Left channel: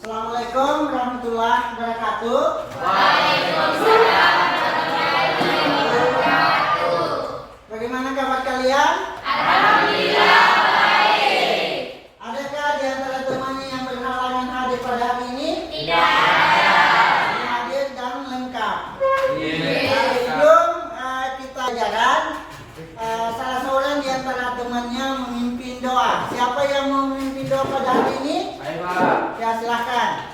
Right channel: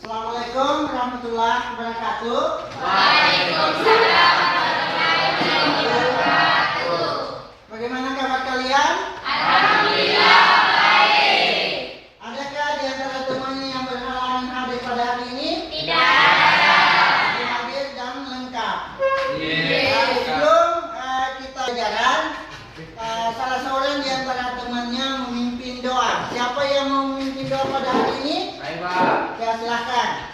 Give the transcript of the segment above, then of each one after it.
Assalamualaikum warahmatullahi wabarakatuh. Waalaikumsalam warahmatullahi wabarakatuh. Bagaimana kabar kalian? Alhamdulillah baik. Adakah di antara temannya yang berhalangan hadir pada hari ini? Tidak ada. Hadir dan lengkap. Iya. Sebelum kita jalan, salah seorang di antara temannya memimpin doa. Siapa yang mau memimpin doa pada hari ini? Baik Pak, Ya silahkan.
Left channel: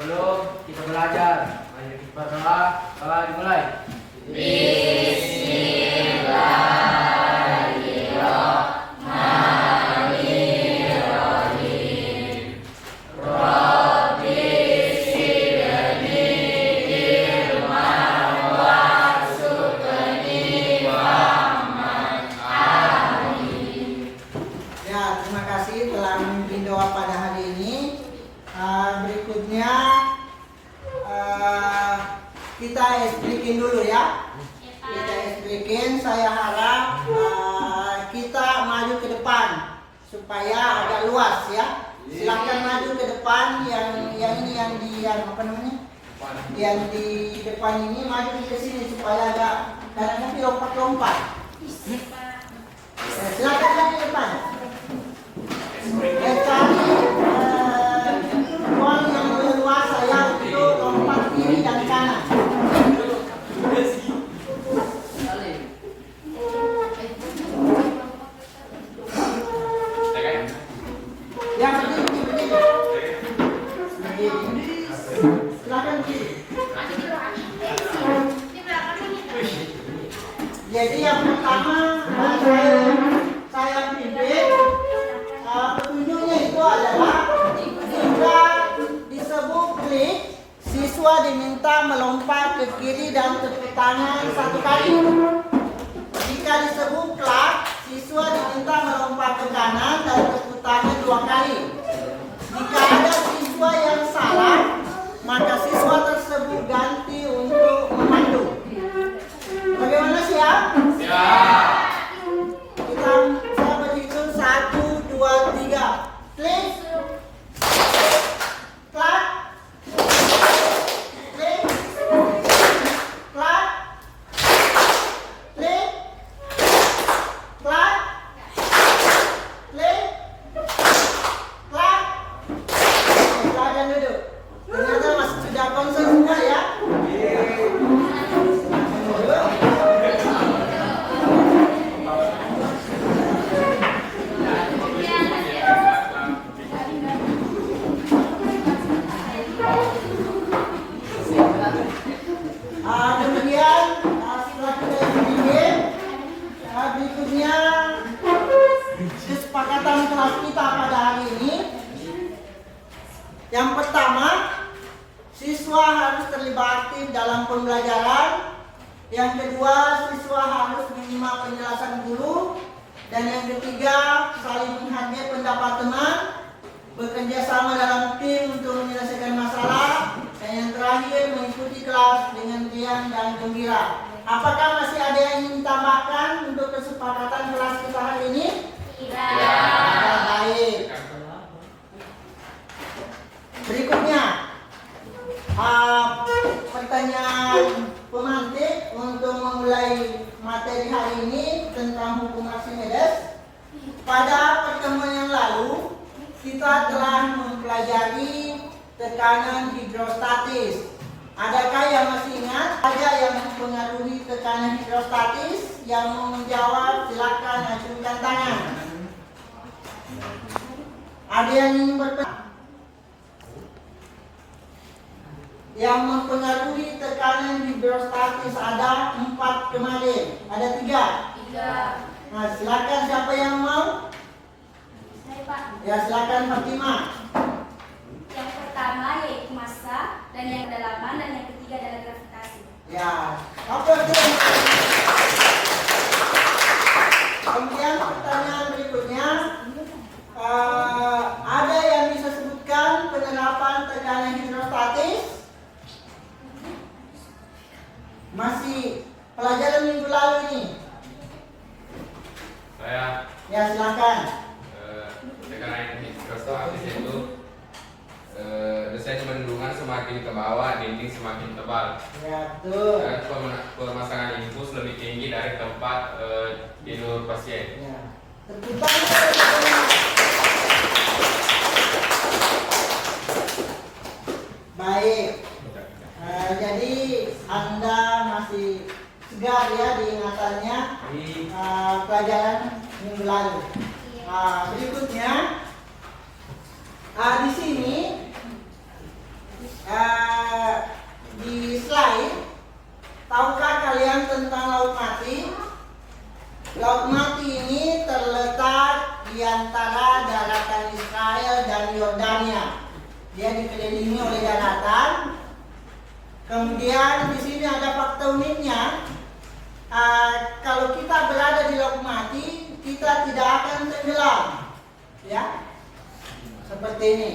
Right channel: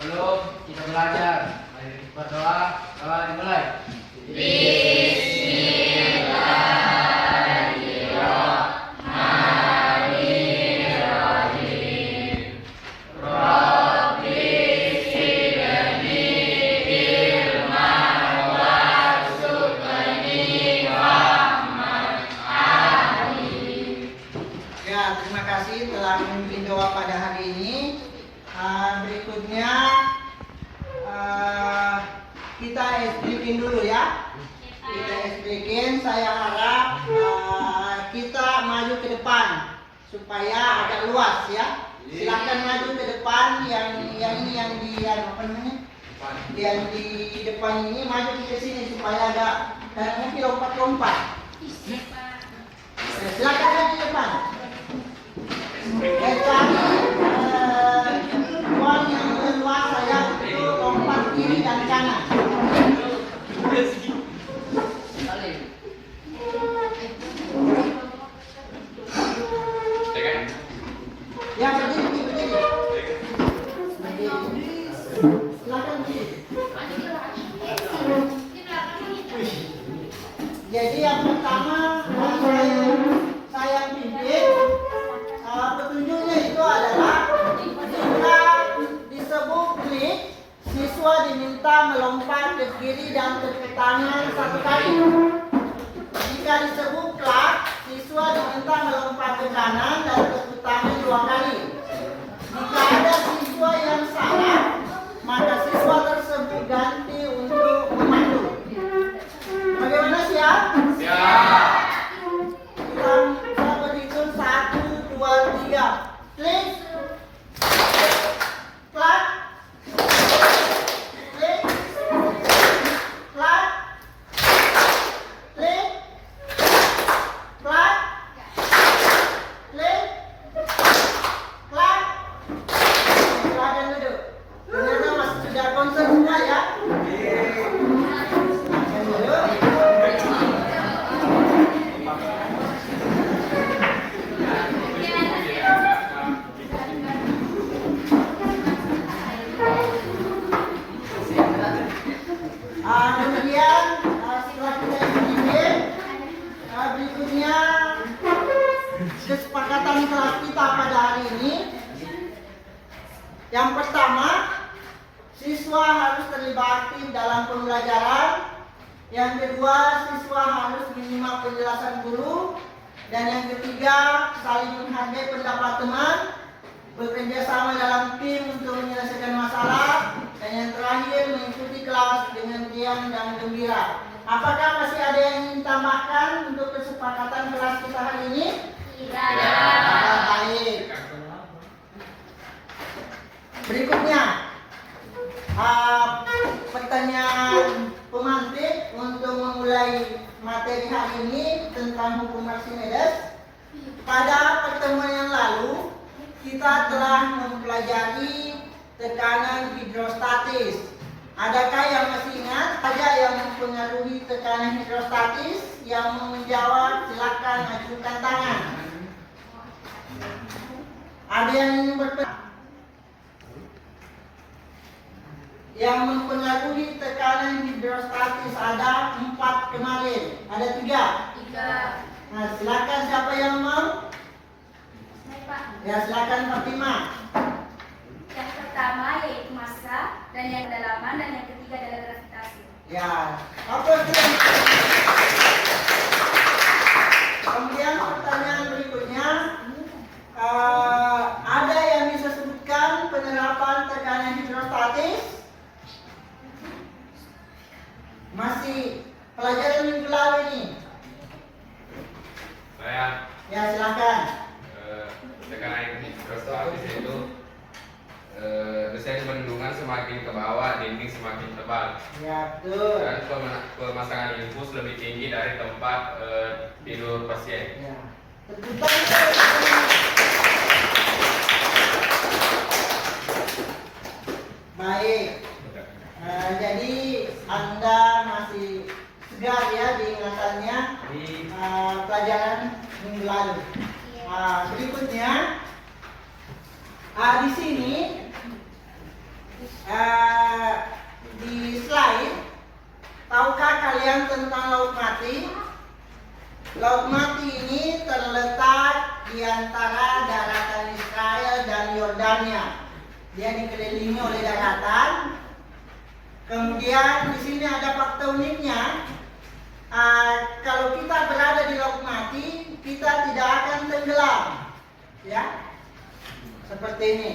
belum kita belajar. Mari kita berdoa. Doa dimulai. Bismillahirrahmanirrahim. Rabbi sirni ilman warzuqni fahman. Amin. Ya, terima kasih telah memimpin doa pada hari ini. Berikutnya kita explain dulu ya. Kita explain. Saya harap kita maju ke depan supaya agak luas ya. Silakan maju ke depan yang di apa namanya? Yang di depan ini maju ke sini supaya agak nanti lompat-lompat. Silakan maju ke depan. Cari ruang yang leluasa ya untuk lompat kiri dan kanan. Ya berdiri. Silakan berdiri. Jadi yang pertama saya pimpin. Petunjuknya itu adalah jika disebut klik, siswa diminta melompat ke kiri dan tepuk tangan satu kali. Jika disebut klak, siswa diminta melompat ke kanan dan tepuk tangan dua kali. Jika ada siswa yang salah, maka siswa tersebut ganti untuk memandu. Bagaimana siap? Siap. Kita berhitung 1, 2, 3. Klik. Klak. Klik. Klak. Klik. Klak. Klik. Klak. Silakan duduk. Ternyata masih sudah konsen semua ya. Kemudian setelah kita bikin, berikutnya kesepakatan kelas kita pada hari ini. Yang pertama, siswa harus terlibat aktif dalam pembelajaran. Yang kedua, siswa harus menyimak penjelasan guru. Dan yang ketiga, saling menghargai pendapat teman, bekerja sama dalam tim untuk menyelesaikan masalah. Dan yang terakhir, mengikuti kelas dengan riang dan gembira. Apakah masih ada yang ingin ditambahkan untuk kesepakatan kelas kita hari ini? Tidak. Baik. Berikutnya, pertanyaan pemantik untuk memulai materi hari ini tentang hukum Archimedes. Pada pertemuan yang lalu, kita telah mempelajari tekanan hidrostatis. Adakah yang masih ingat? Ada yang mempengaruhi tekanan hidrostatis? Yang mau menjawab silakan ajukan tangan. Ada yang ingin berpendapat? Yang mempengaruhi tekanan hidrostatis ada 4 kemarin. Ada 3. Nah, silakan siapa yang mau? Saya Pak. Ya, silakan Fatimah. Yang pertama yaitu massa, dan yang kedalaman, dan yang ketiga adalah gravitasi. Ya, apa itu? Kemudian pertanyaan berikutnya, ada yang bisa sebutkan penerapan tekanan hidrostatis? Masih pelajaran minggu lalu ini. Saya Ya silakan. tekanan hidrostatis itu desain bendungan semakin ke bawah, dinding semakin tebal. Ya, betul. Dan pemasangan infus lebih tinggi dari tempat tidur pasien. Ya. Tepuk tangan. Baik. Jadi Anda masih segar ya diingatannya pelajaran minggu lalu. Berikutnya di sini di slide, tahukah kalian tentang Laut Mati? Laut Mati ini terletak di antara daratan Israel dan Yordania. Dia dikelilingi oleh daratan. Kemudian di sini ada fakta uniknya. Kalau kita berada di Laut Mati, kita tidak akan tenggelam, ya, seperti ini.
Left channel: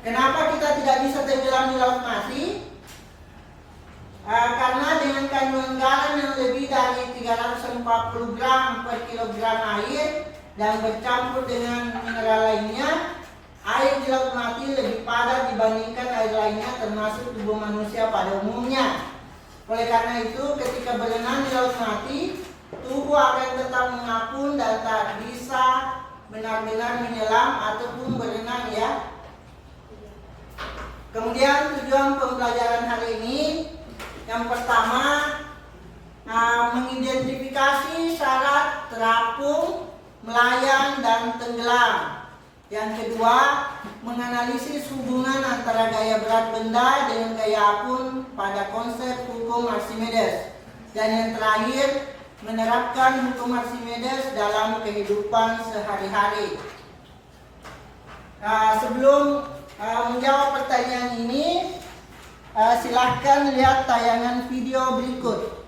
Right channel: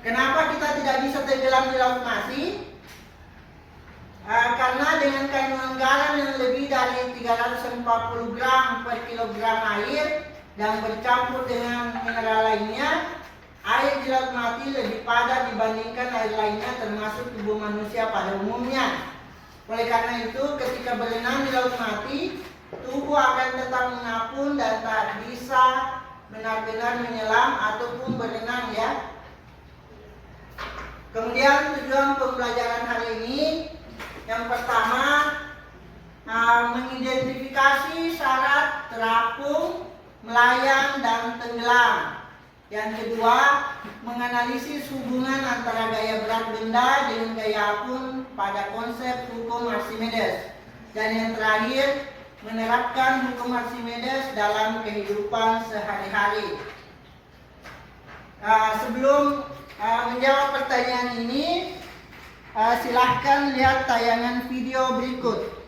Kenapa kita tidak bisa tenggelam di Laut Mati? Karena dengan kandungan garam yang lebih dari 340 gram per kilogram air dan bercampur dengan mineral lainnya, air di Laut Mati lebih padat dibandingkan air lainnya termasuk tubuh manusia pada umumnya. Oleh karena itu, ketika berenang di Laut Mati, tubuh akan tetap mengapung dan tak bisa benar-benar menyelam ataupun berenang, ya. Kemudian tujuan pembelajaran hari ini, yang pertama, mengidentifikasi syarat terapung, melayang, dan tenggelam. Yang kedua, menganalisis hubungan antara gaya berat benda dengan gaya apung pada konsep hukum Archimedes. Dan yang terakhir, menerapkan hukum Archimedes dalam kehidupan sehari-hari. Sebelum menjawab pertanyaan ini, silahkan lihat tayangan video berikut.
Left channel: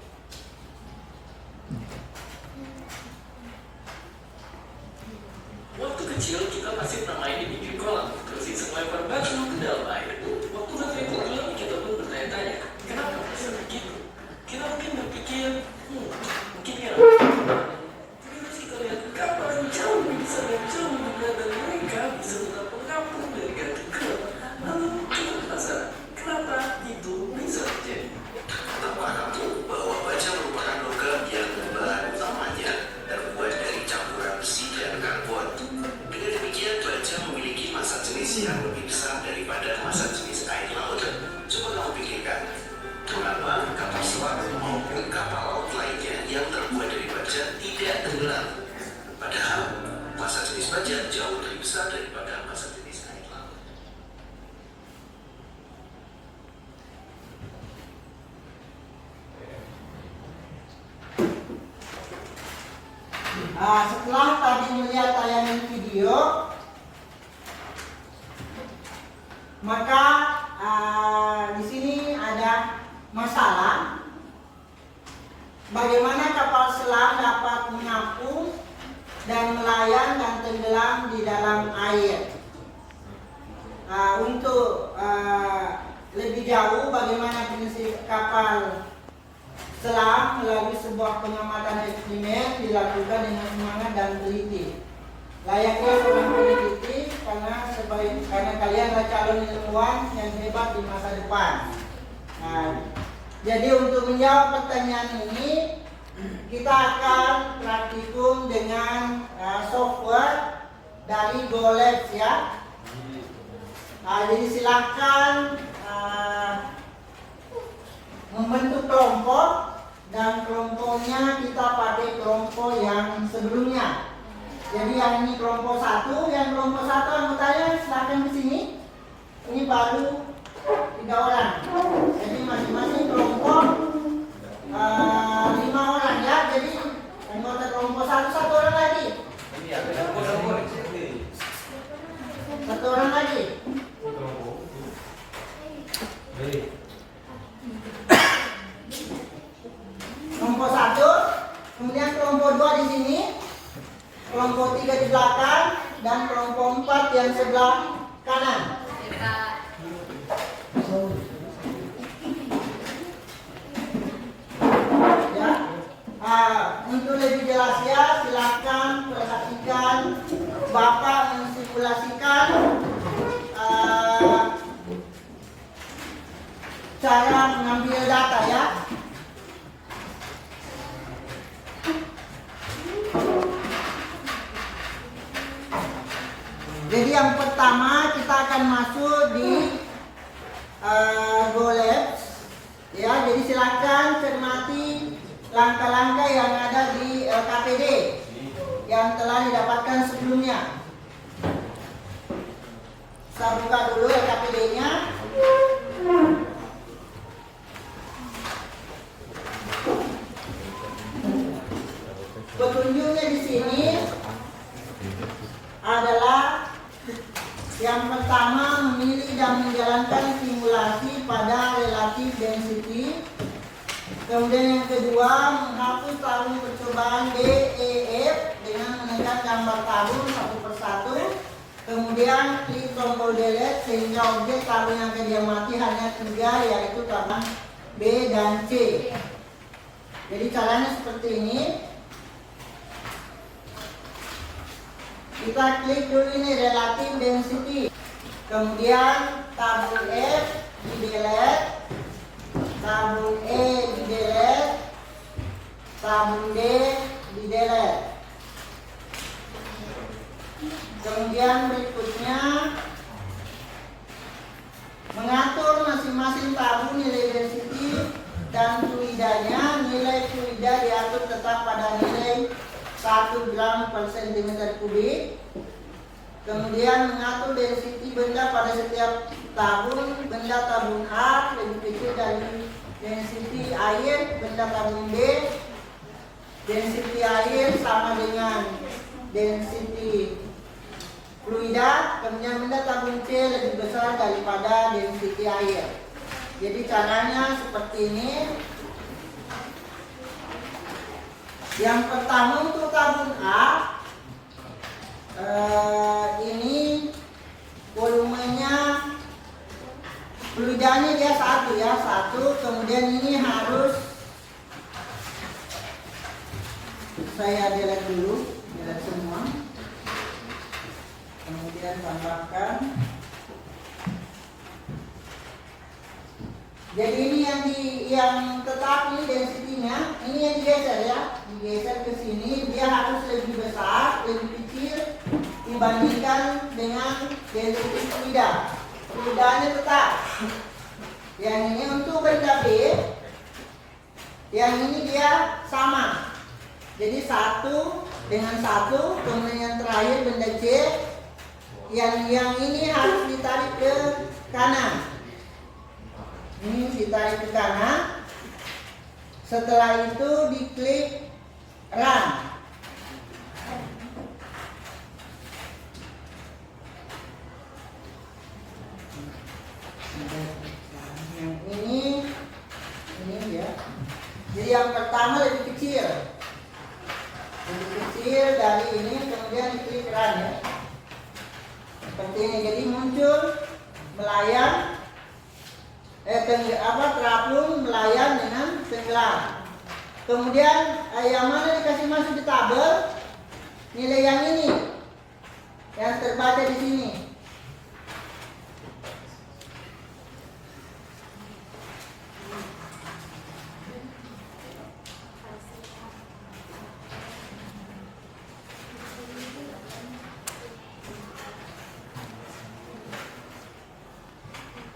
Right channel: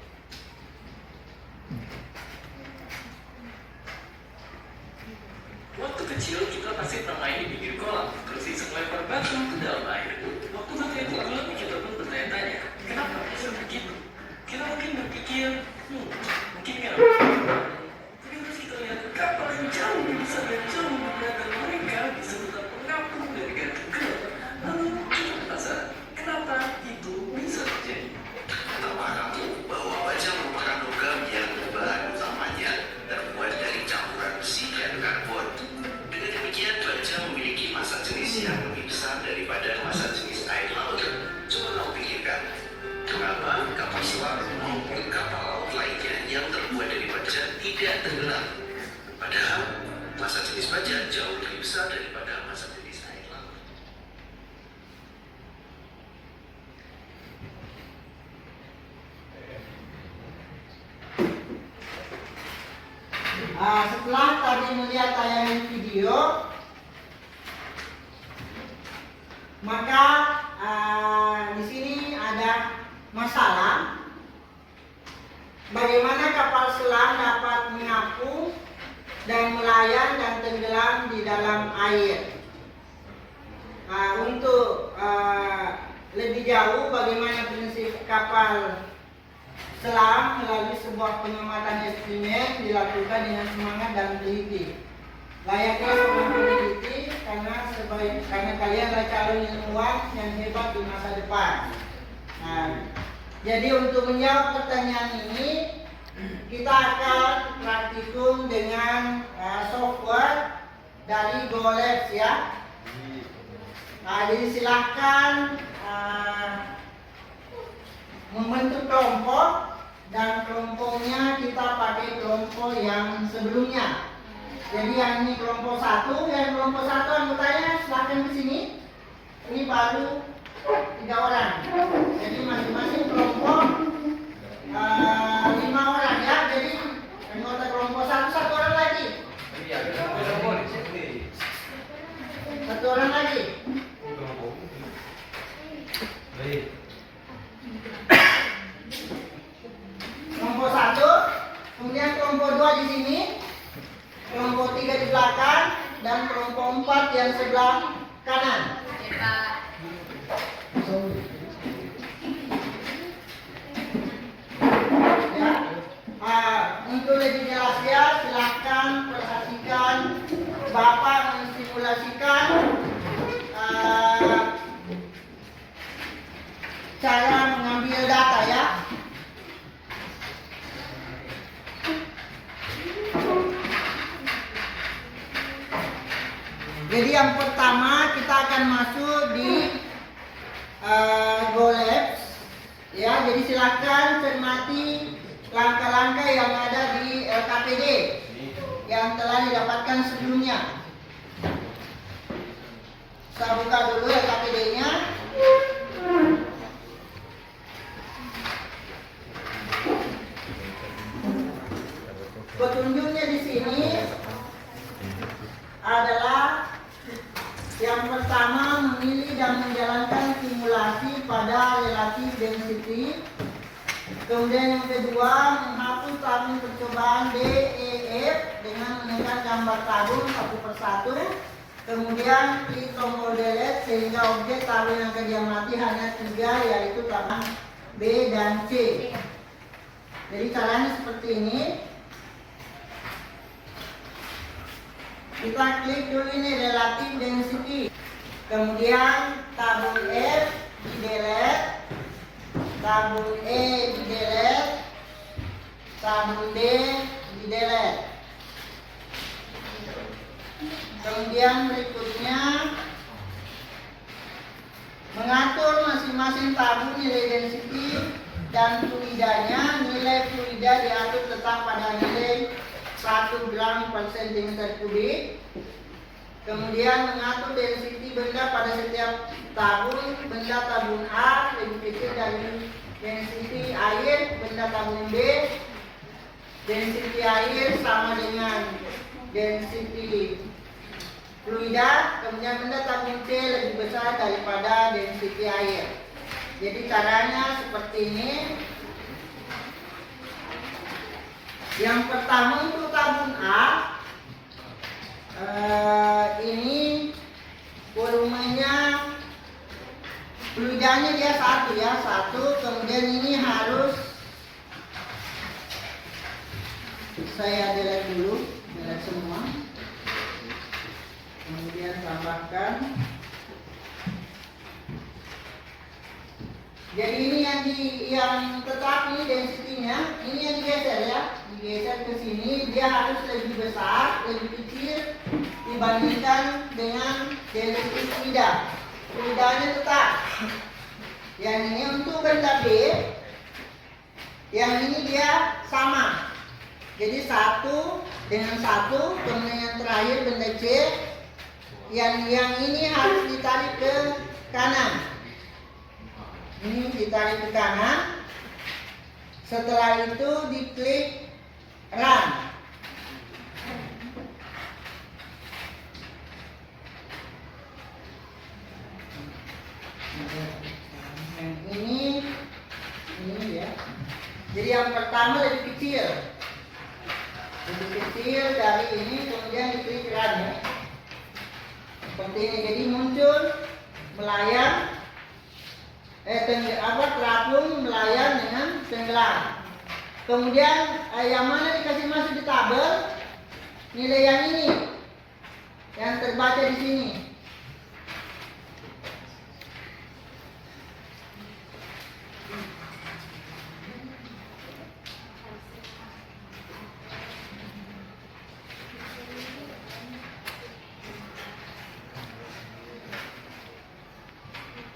Waktu kecil kita pasti pernah main di pinggir kolam, terus iseng lempar batu ke dalam air. Waktu batu itu tenggelam, kita pun bertanya-tanya, kenapa bisa begitu? Kita mungkin berpikir, mungkin ya. Tapi terus kita lihat kapal yang jauh lebih besar dan jauh lebih berat dan mereka bisa tetap mengapung dari garis tenggelam. Lalu kita penasaran, kenapa itu bisa terjadi? Tahukah kamu bahwa baja merupakan logam yang bahan utamanya terbuat dari campuran besi dan karbon. Dengan demikian, baja memiliki massa jenis yang lebih besar daripada massa jenis air laut. Coba kamu pikirkan, kenapa kapal selam maupun kapal laut lainnya yang terbuat dari baja tidak tenggelam? Padahal massa jenis baja jauh lebih besar daripada massa jenis air laut. Setelah tadi melihat tayangan video, maka di sini ada masalah bagaimana kapal selam dapat mengapung dan melayang dan tenggelam di dalam air. Untuk lebih jauh bagaimana prinsip kapal selam melalui sebuah pengamatan eksperimen dilakukan dengan semangat dan teliti. Layaknya seorang peneliti karena kalian adalah calon ilmuwan yang hebat di masa depan. Jadi untuk menjawab pertanyaan ini, kita akan praktikum dengan software dari GoLabs, ya. Jadi silahkan membentuk kelompok, dan kelompoknya kita pakai kelompok yang sebelumnya. Jadi yang ini kelompok 1, yang kelompok 1 anggotanya silahkan ke sini. Ini baru 3 orang. Jadi masing-masing kelompok 5 orang, ya. Jadi anggota kelompok 1 orang lagi. 1 orang lagi. Kelompok 1, kemudian kelompok 2 di sini, kelompok 3 di belakang, dan kelompok 4 yang sebelah kanan. Untuk lebih jelas, ya, silahkan perhatikan Bapak mensimulasikan cara mengambil data ya. Jadi yang pertama kita akan masuk di GoLabs ya. Jadi silakan cermati langkah-langkah yang ada di LKPD yang telah didapatkan sebelumnya. Saya buka dulu LKPD-nya. Petunjuknya di sini adalah yang pertama, memilih dan menjalankan simulasi pada relatif density. Kemudian yang kedua, menghapus tabung percobaan DEF dengan menekan gambar tabung satu persatu. Kemudian klik tombol delete sehingga objek tabung yang akan diamati hanya 3, yaitu tabung B dan C. Jadi caranya seperti ini. Kita klik dulu ini relatif density. Kemudian tabung F di delete, tabung E di delete, tabung D di delete. Kemudian berikutnya mengatur masing-masing tabung nilai density dan fluidanya. Nilai fluida diatur tetap pada nilai 1 gram per cm kubik. Kemudian mengatur density benda pada setiap tabung. Benda tabung A lebih kecil dari density air benda tabung B. Density air sama dengan density fluida. Kemudian benda tabung C lebih besar daripada density air. Jadi caranya seperti ini. Yang pertama untuk tabung A, ini volumenya, fluidanya dia 1 ya, 1. Kemudian ini harus saya delete dulu, delete semua. Kemudian tambahkan. Jadi ini yang tetap ini density-nya, ini yang digeser ya, digeser ke sini. Dia harus lebih besar, lebih kecil dibandingkan dengan density fluida. Fluidanya tetap. Yang ini untuk benda B, yang ini dia sama. Jadi 1 dengan 1, kemudian yang terakhir benda C, yang ini harus ditarik ke kanan. Ini ditarik ke kanan. Setelah itu diklik run. Ini ya. Jadi yang pertama lebih kecil. Lebih kecil dari ini, kemudian diklik run ya. Seperti ini. Jadi muncul melayang terapung melayang dengan tenggelam. Kemudian yang mana dikasih masuk di tabel, nilai yang ini yang terbaca di sini.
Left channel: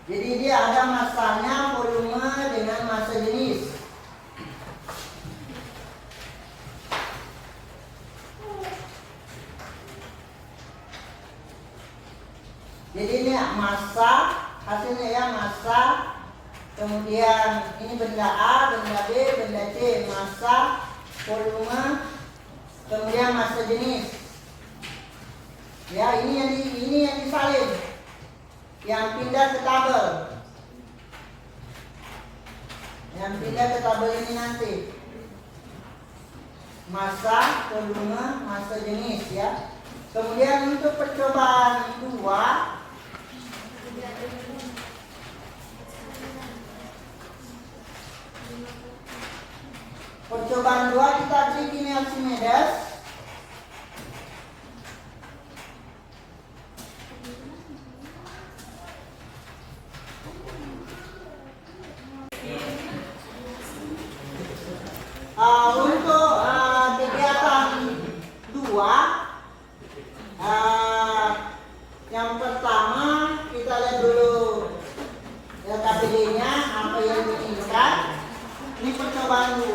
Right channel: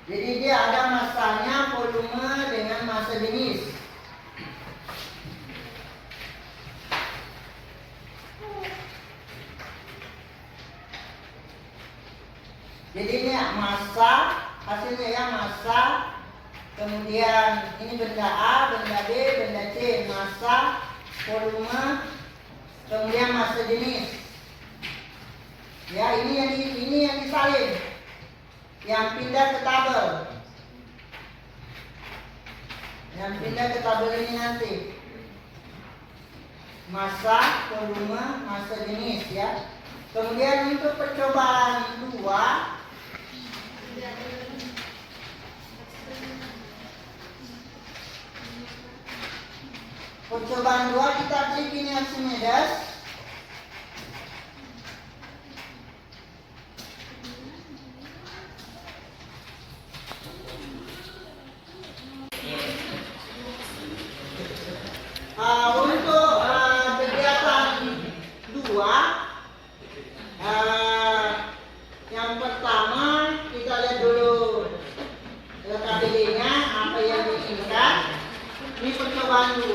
Jadi dia ada masanya, volume dengan massa jenis. Jadi ini massa, hasilnya ya massa. Kemudian ini benda A, benda B, benda C, massa, volume, kemudian massa jenis. Ya, ini yang disalin. Yang pindah ke tabel. Yang pindah ke tabel ini nanti. Massa, volume, massa jenis ya. Kemudian untuk percobaan 2, kita klik ini Archimedes. kedua, yang pertama kita lihat dulu KTD-nya apa yang diinginkan. Ini percobaan 2.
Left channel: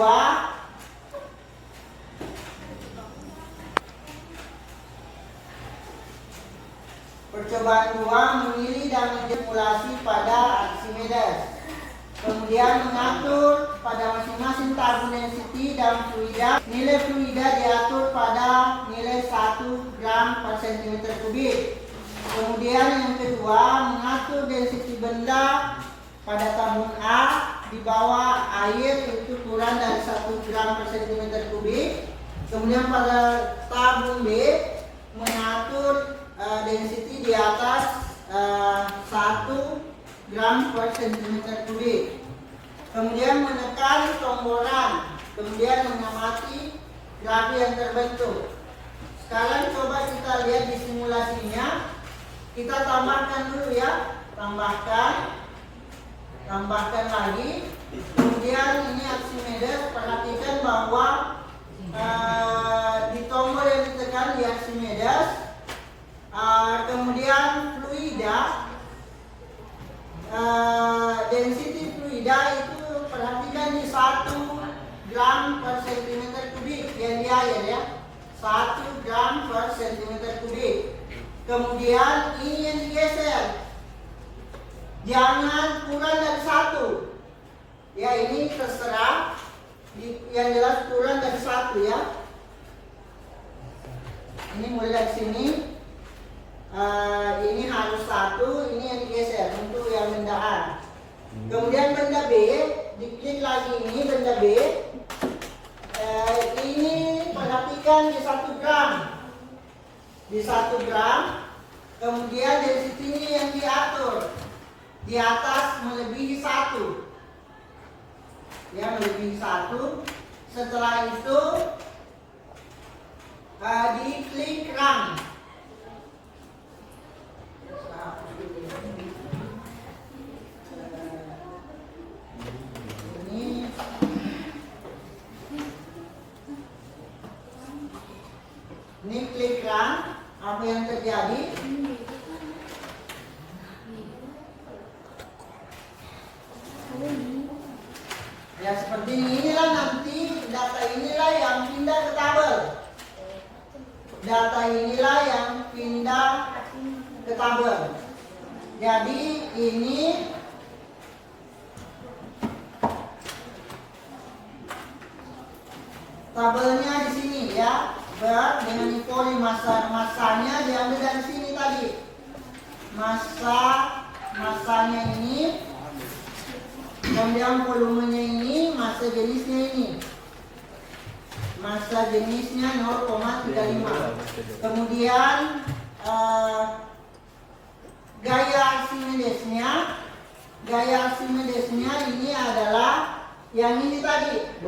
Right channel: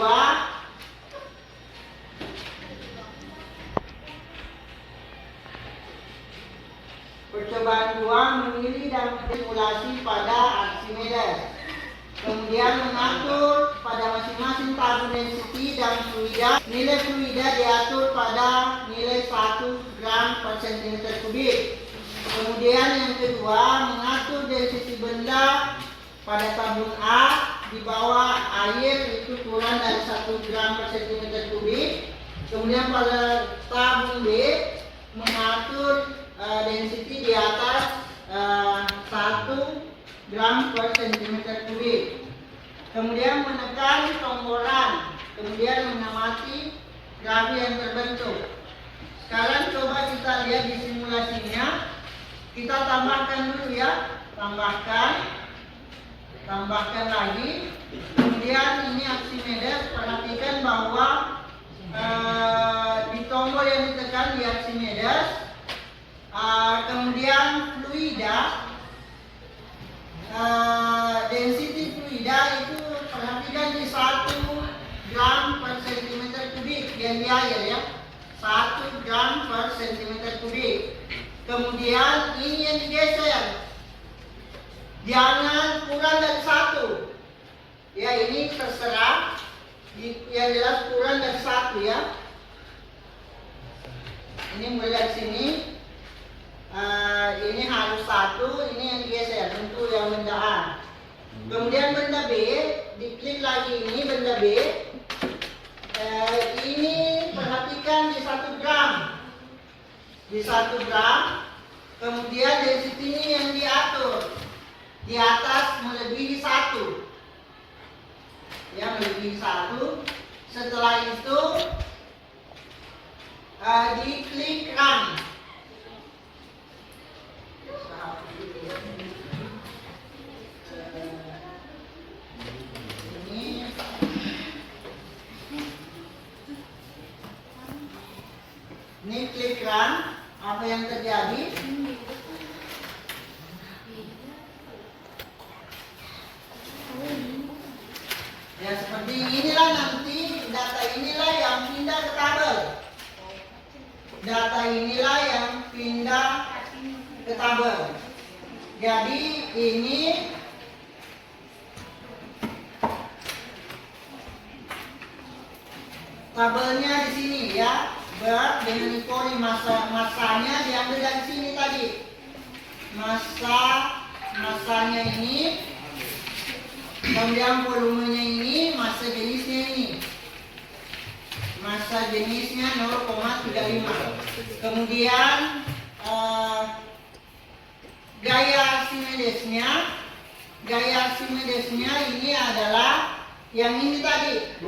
Percobaan 2 memilih dan mensimulasi pada Archimedes. Kemudian mengatur pada masing-masing tabung density dan fluida. Nilai fluida diatur pada nilai 1 gram per cm kubik. Kemudian yang kedua, mengatur density benda pada tabung A di bawah air itu kurang dari 1 gram per cm kubik. Kemudian pada tabung B mengatur density di atas 1 gram per cm kubik. Kemudian menekan tombolan, kemudian mengamati grafi yang terbentuk. Sekarang coba kita lihat di simulasinya. Kita tambahkan dulu ya, tambahkan lagi. Kemudian ini Archimedes, perhatikan bahwa di tombol yang ditekan di Archimedes, kemudian fluida, density fluida itu perhatikan di 1 gram per cm kubik yang di air ya, 1 gram per cm kubik. Kemudian ini yang digeser, jangan kurang dari 1 ya, ini terserah, yang jelas kurang dari 1 ya. Ini mulai dari sini, ini harus 1, ini yang digeser untuk yang benda A. Kemudian benda B, diklik lagi ini benda B, ini perhatikan di 1 gram, kemudian density ini yang diatur di atas melebihi 1 ya, melebihi 1. Setelah itu diklik run. Ini klik run, apa yang terjadi? Ya seperti inilah, nanti data inilah yang pindah ke tabel. Data inilah yang pindah ke tabel. Jadi ini tabelnya di sini ya. Berat dengan ikoli, masanya diambil dari sini tadi. Masanya ini, kemudian volumenya ini, massa jenisnya ini. Massa jenisnya 0,35. Kemudian gaya Archimedesnya ini adalah yang ini tadi.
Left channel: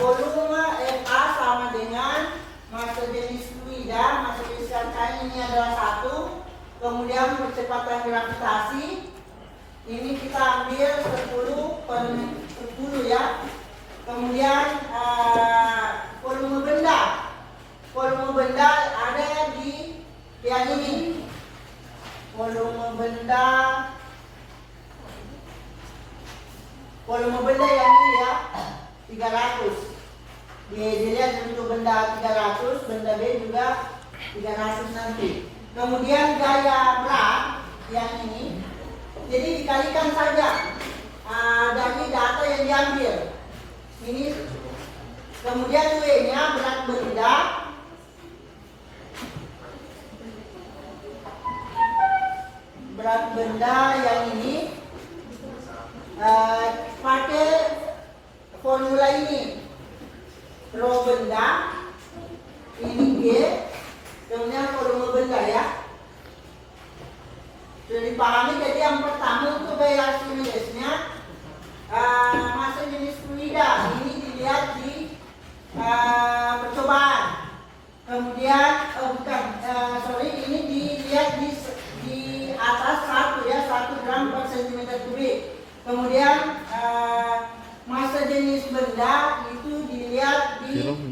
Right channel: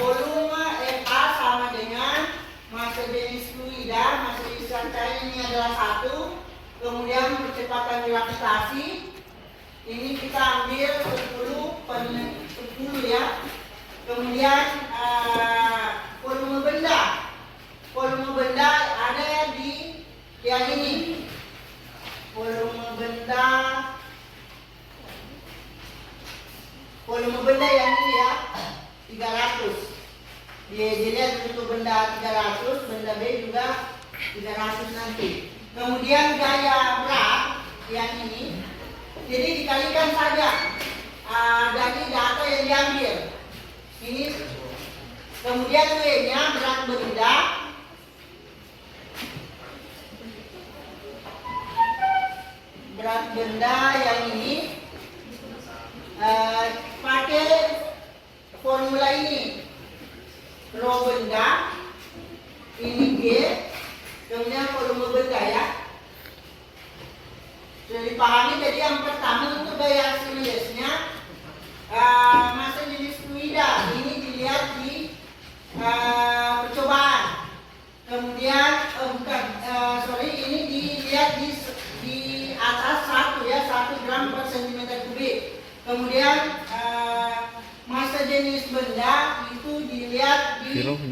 Volume FA sama dengan massa jenis fluida, massa jenis rangkaian ini adalah 1. Kemudian percepatan gravitasi ini kita ambil 10/10 ya. Kemudian volume benda ada di yang ini. Volume benda yang ini ya, 300. Dilihat untuk benda 300, benda B juga 300 nanti. Kemudian gaya berat yang ini, jadi dikalikan saja dari data yang diambil ini. Kemudian W-nya berat benda yang ini, pakai formula ini. Rho benda ini G, kemudian volume benda ya. Sudah dipahami. Jadi yang pertama untuk gaya Archimedesnya, massa jenis fluida ini dilihat di percobaan. Kemudian ini dilihat di atas 1 ya, 1 gram per cm kubik. Kemudian massa jenis benda itu dilihat di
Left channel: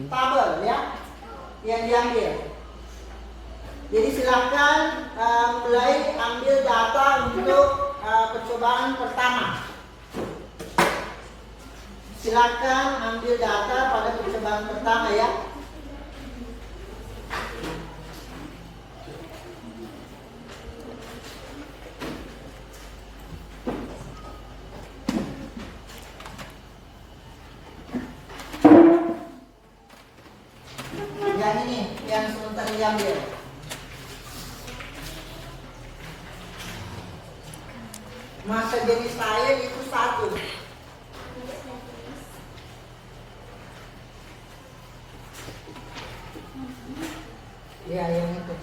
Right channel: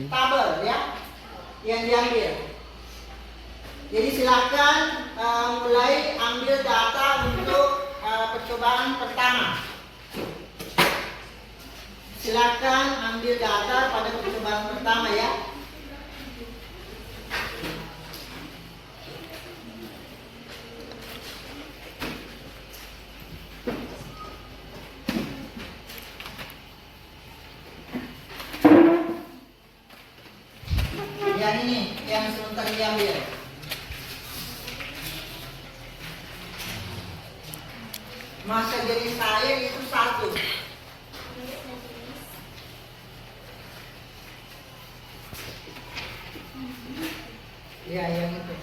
tabel ya yang diambil. Jadi silakan mulai ambil data untuk percobaan pertama. Silakan ambil data pada percobaan pertama ya. Yang ini yang sebentar diambil. Masa jenis saya itu 1. Ya, yang itu.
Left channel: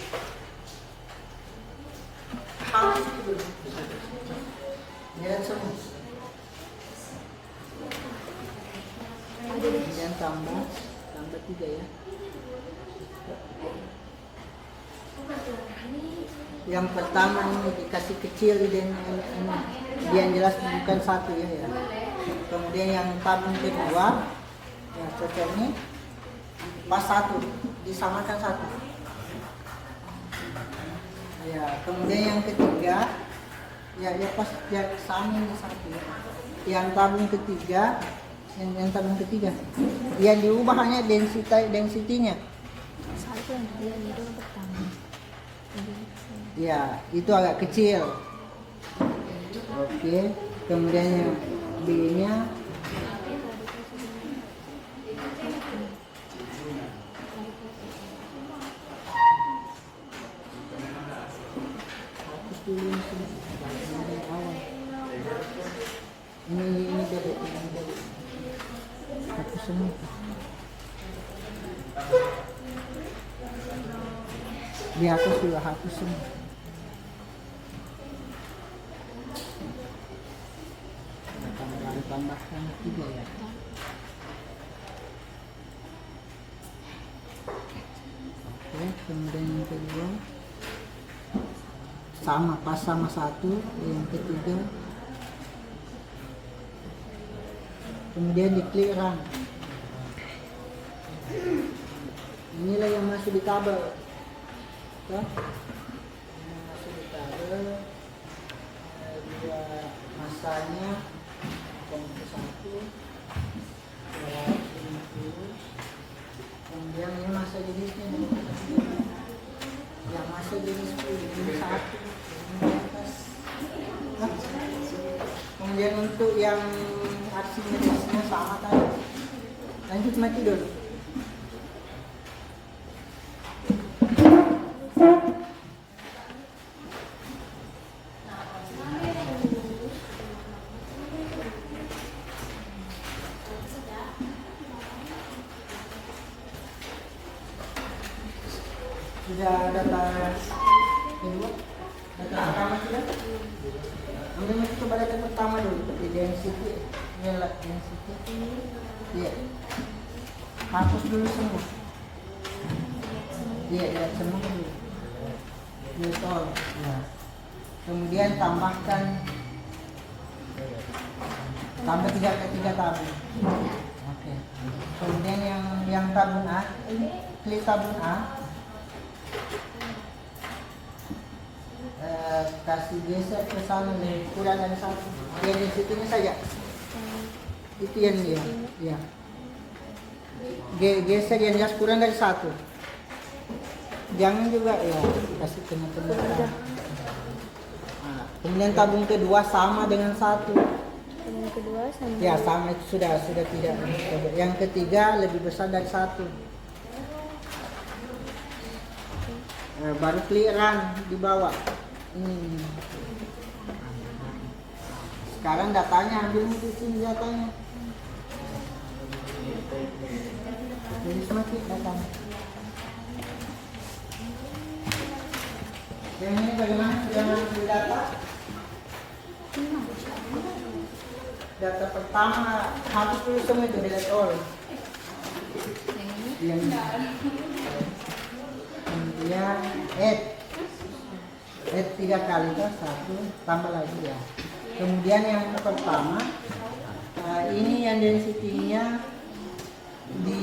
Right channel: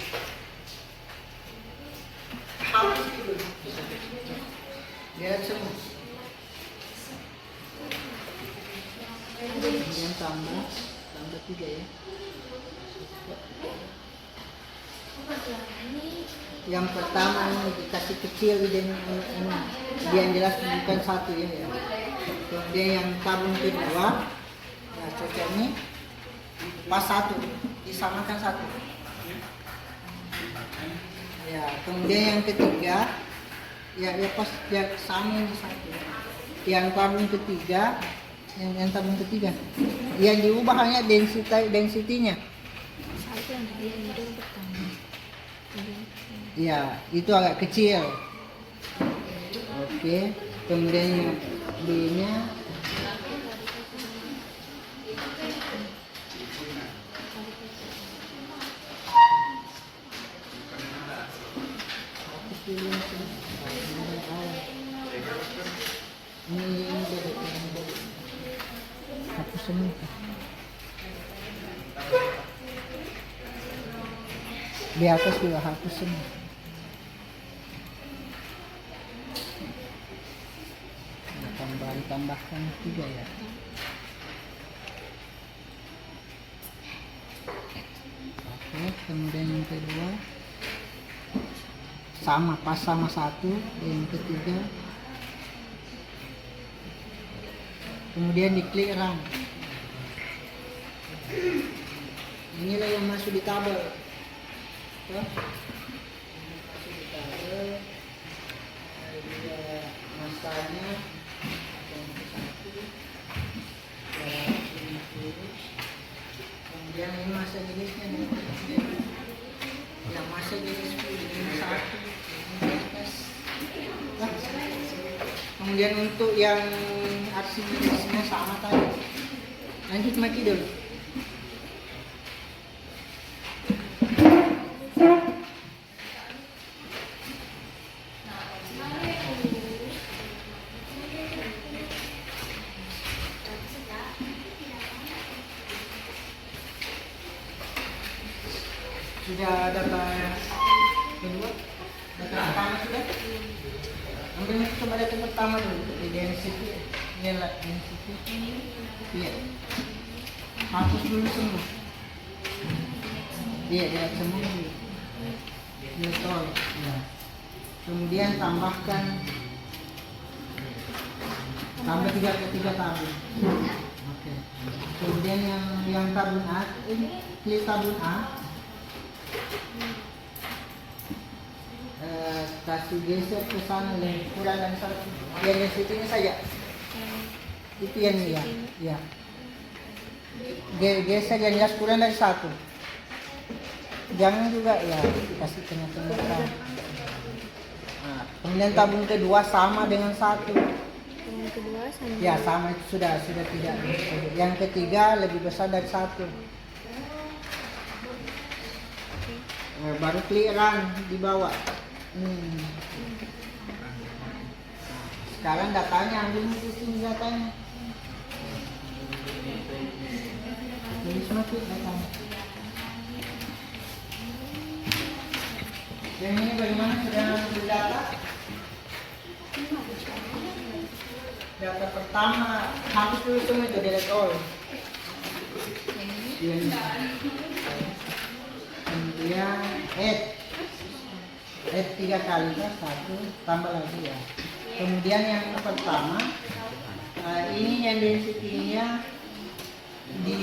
Hapus dulu. Lihat semua. Kemudian tambah 3 ya. Yang pertama ini dikasih kecil ini dia yang jelas bukan 1 ya. Kemudian yang tabung kedua ya cocok ini pas 1 disamakan 1 ya. Kemudian yang ketiga ya pas ya, sama ini 1 ya. Yang tabung ketiga yang tabung ketiga yang diubah hanya densitinya. Ya, itu agak kecil. Oke, kemudian yang B-nya hapus dulu ini awal. Ini hapus semua. Di atas juga hapus semua. Tambahkan 3 ya. Oke, kemudian yang kedua sama pas sama 1. Yang ketiga kemudian diklik run. Inilah yang masuk di tabel ya. Masuk di tabel juga masanya 250. Kemudian ini masa jenisnya yang masa jenis ini 1 nah, kemudian untuk yang arsinya sama tadi. Lanjut mati dulu. Sudah data kedua, data pertama sudah. Ambil coba data pertama dulu. Density, lihat density. Iya. Hapus dulu semua. Iya, lihat semua dulu. Betul. Ya. Kemudian tambah 3 tabung. Oke. Kemudian yang tabung A, ini klik tabung A. Kasih geser ke sana nih, kurang ada 1. Yang density-nya saja. Itu yang dia. Ya. Geser yang jelas kurang dari 1. Jangan juga ya kasih tengah-tengah. Nah, kemudian tabung kedua sama dengan 1. Tabung kedua sama. Ya sama itu sudah tidak. Yang ketiga lebih besar dari 1. Baru klik run di bawah. Sekarang datanya ambil di sini datanya. Jadi semakin datanya. Yang ini bagaimana sudah ambil data? Data pertama hapus dulu semua itu delete all. Kemudian add 3 kali kan 1 tambah lagi ya. Kemudian yang pertama ini yang density-nya di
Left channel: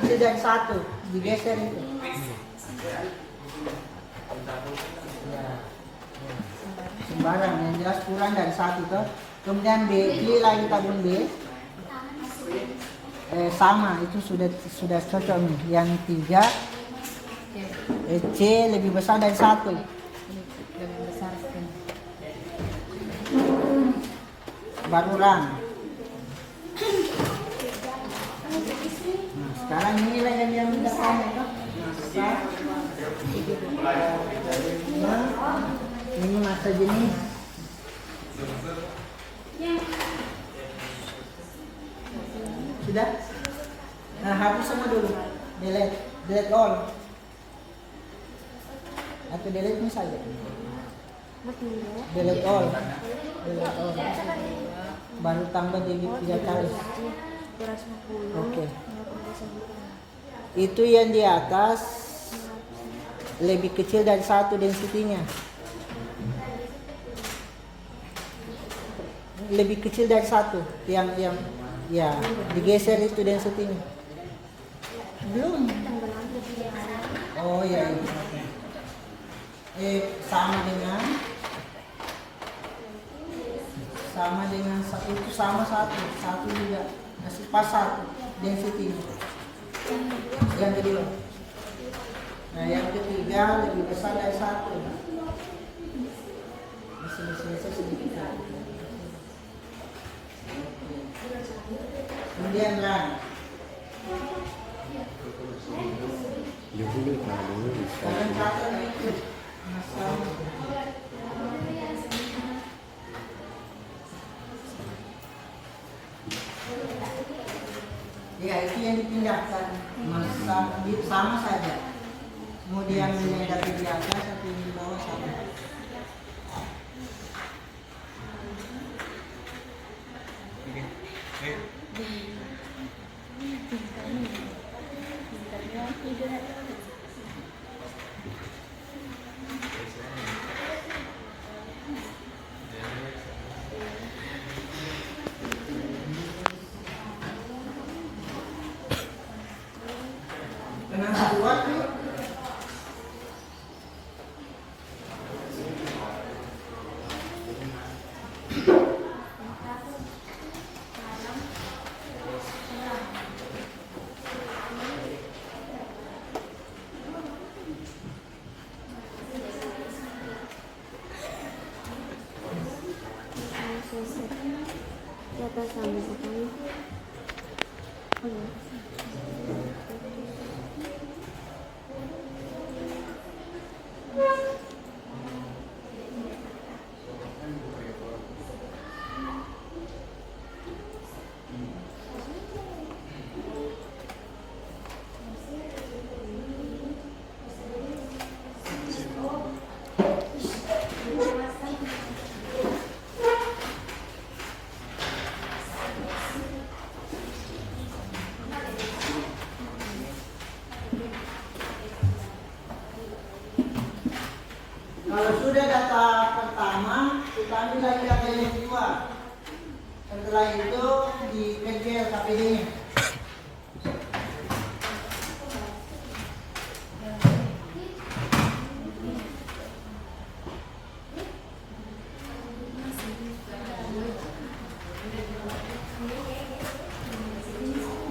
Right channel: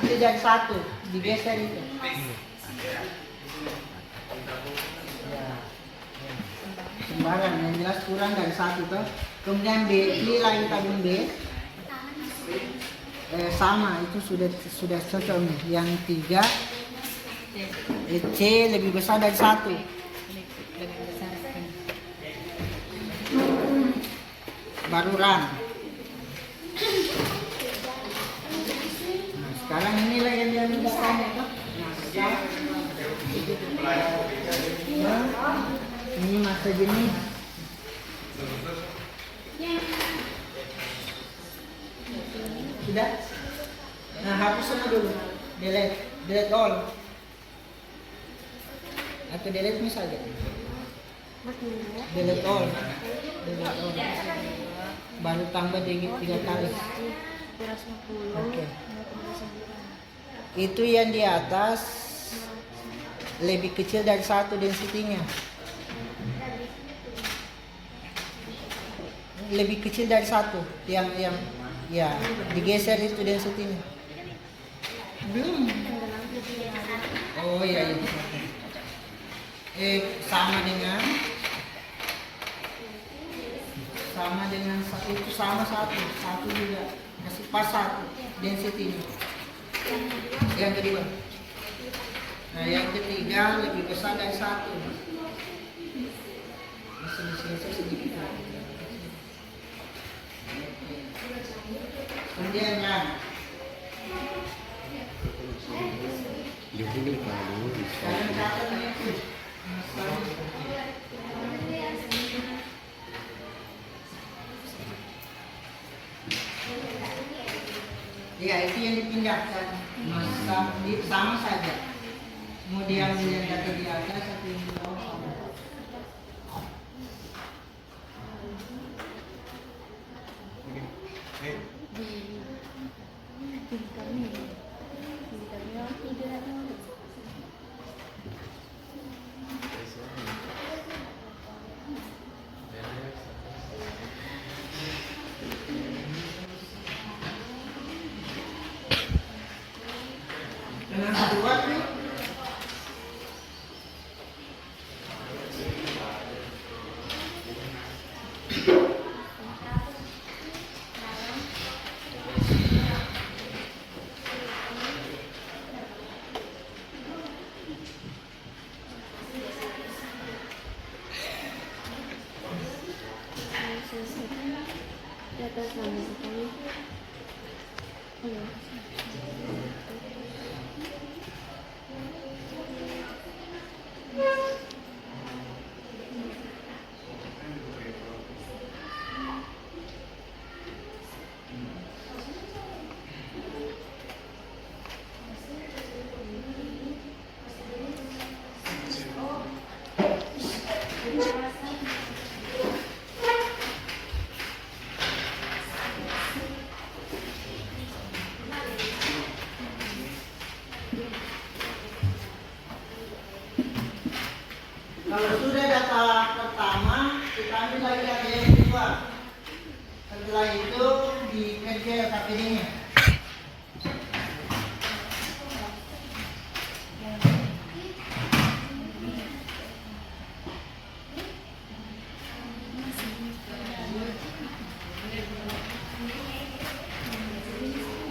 kecil dari 1, digeser itu. Ya. Sembarang yang jelas kurang dari 1 tuh. Kemudian B, pilih lagi tabung B. Sama itu sudah cocok nih. Yang 3 C lebih besar dari 1. Baru run. Nah, sekarang inilah yang dia mudahkan ya. Masa ini masa jenis. Sudah? Nah, hapus semua dulu. Delete all. Atau delete misalnya. Delete all. Baru tambah 3 kali. Oke. Itu yang di atas lebih kecil dari 1 density-nya. Lebih kecil dari 1 yang ya digeser itu density-nya. Belum. Oh iya ini. Sama dengan itu sama 1 juga. Masih pas 1 density-nya. Yang kedua. Nah, yang ketiga lebih besar dari 1. Masih sedikit. Kemudian run. Sekarang catat itu. Ya, itu yang dipindahkan. Sama saja. Mau diambil yang data di atas atau yang di bawah sama. Dengan kedua nih. Di atas sama sekali. Kalau sudah data pertama, kita ambil lagi data yang kedua. Setelah itu dikerja KPD-nya.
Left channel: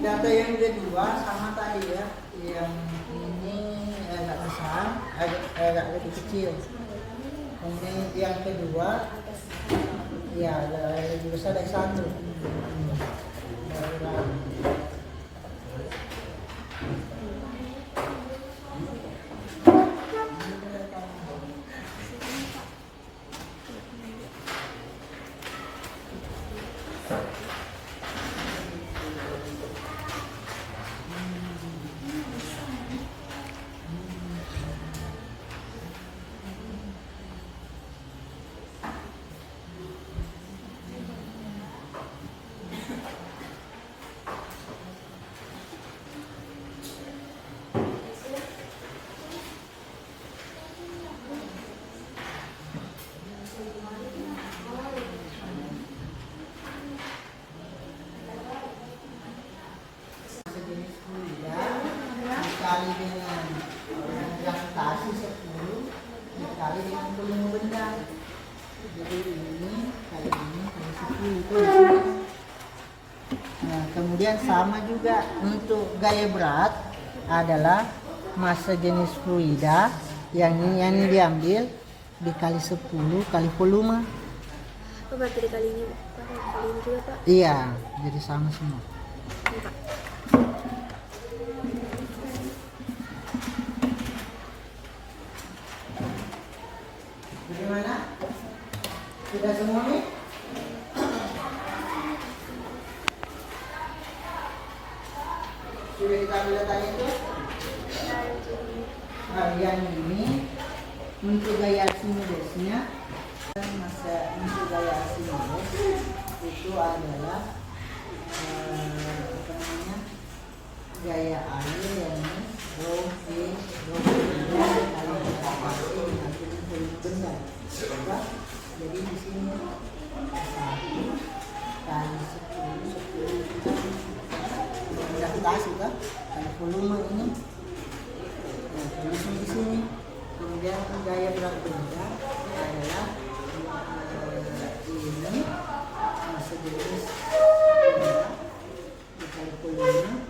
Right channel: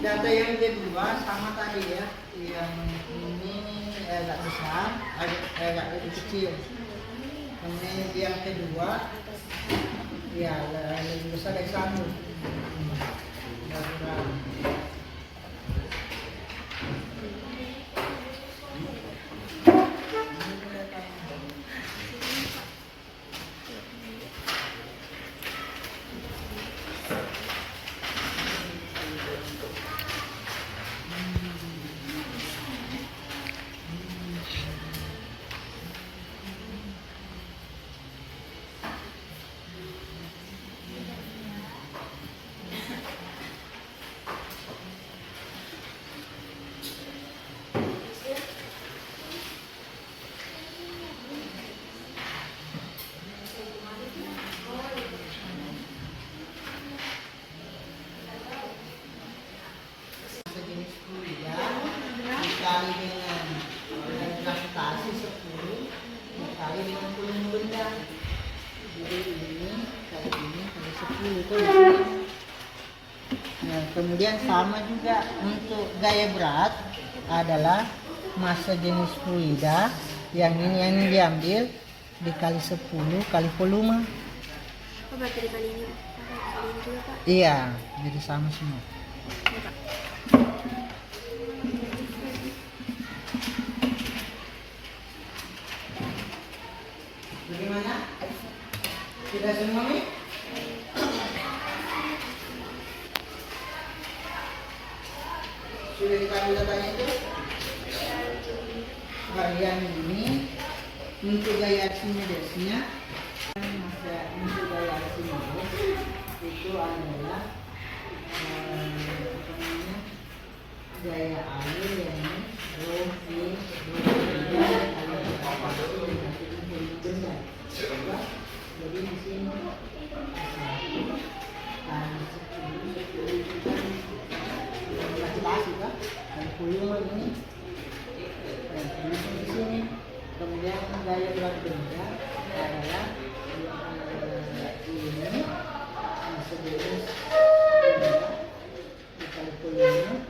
Data yang kedua sama tadi ya, yang ini agak besar, agak lebih kecil. Kemudian yang kedua, ya lebih besar dari 1. Kemudian sama juga untuk gaya berat adalah massa jenis fluida yang ini diambil dikali 10 kali volume. Berarti kali ini juga Pak? Iya, jadi sama semua. Ini, Pak. Bagaimana? Sudah semua nih? Sudah dikasih datanya itu? Nah, yang ini untuk gaya Archimedes-nya, masa untuk gaya Archimedes itu adalah apa namanya, gaya air yang ini rho v rho kali besar. Jadi di sini 1 kali 10 gravitasi kan, kali volume ini. Nah, tulisnya di sini. Kemudian gaya berat benda adalah ini sejenis benda dikali volume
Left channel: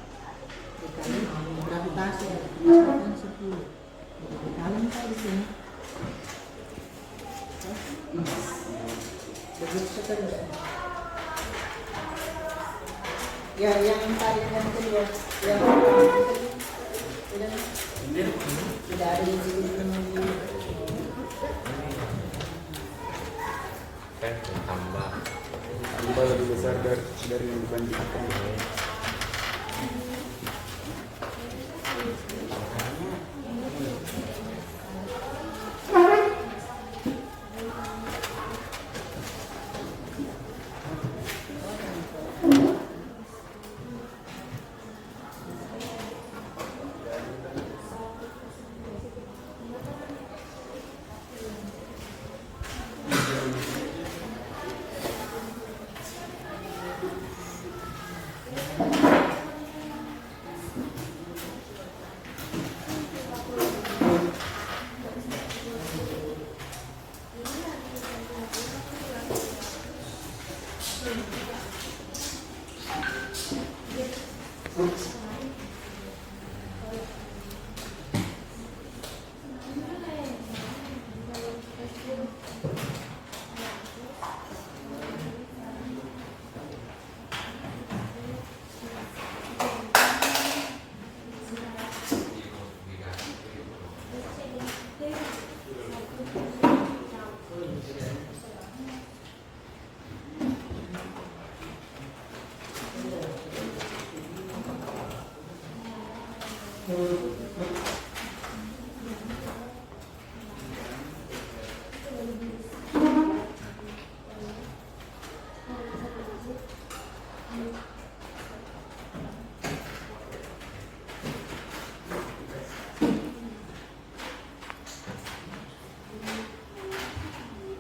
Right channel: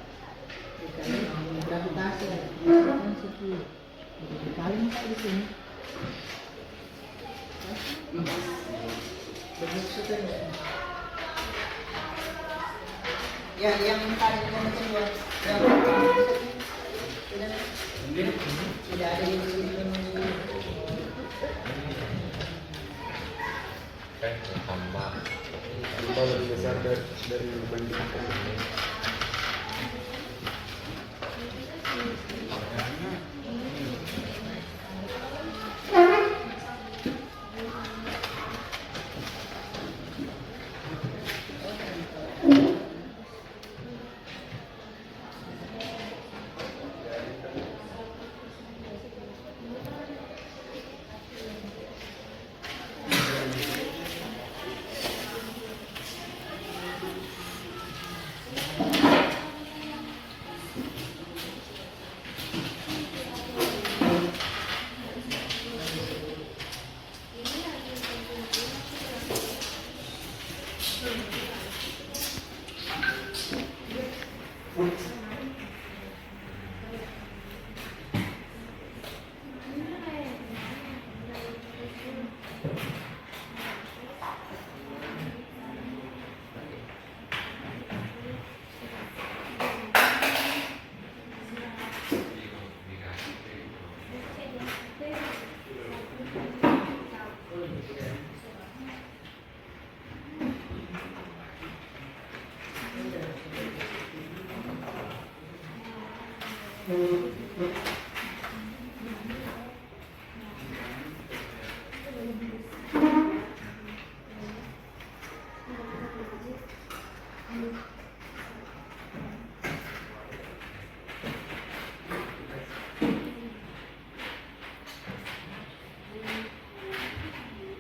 dikali gravitasi, kan 10 kali di sini. Begitu seterusnya. Ya, yang tadi mungkin ya, yang tidak ada yang tambah lebih besar dari bandingkan.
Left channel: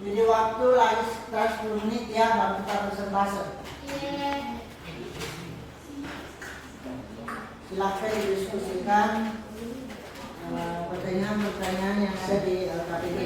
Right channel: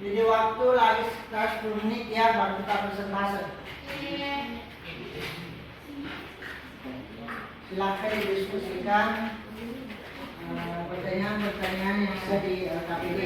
Jadi waktu lagi sekitar 10 menit ya, baru kita presentasi. Silakan didiskusikan pertanyaan-pertanyaan yang ada di LKPD.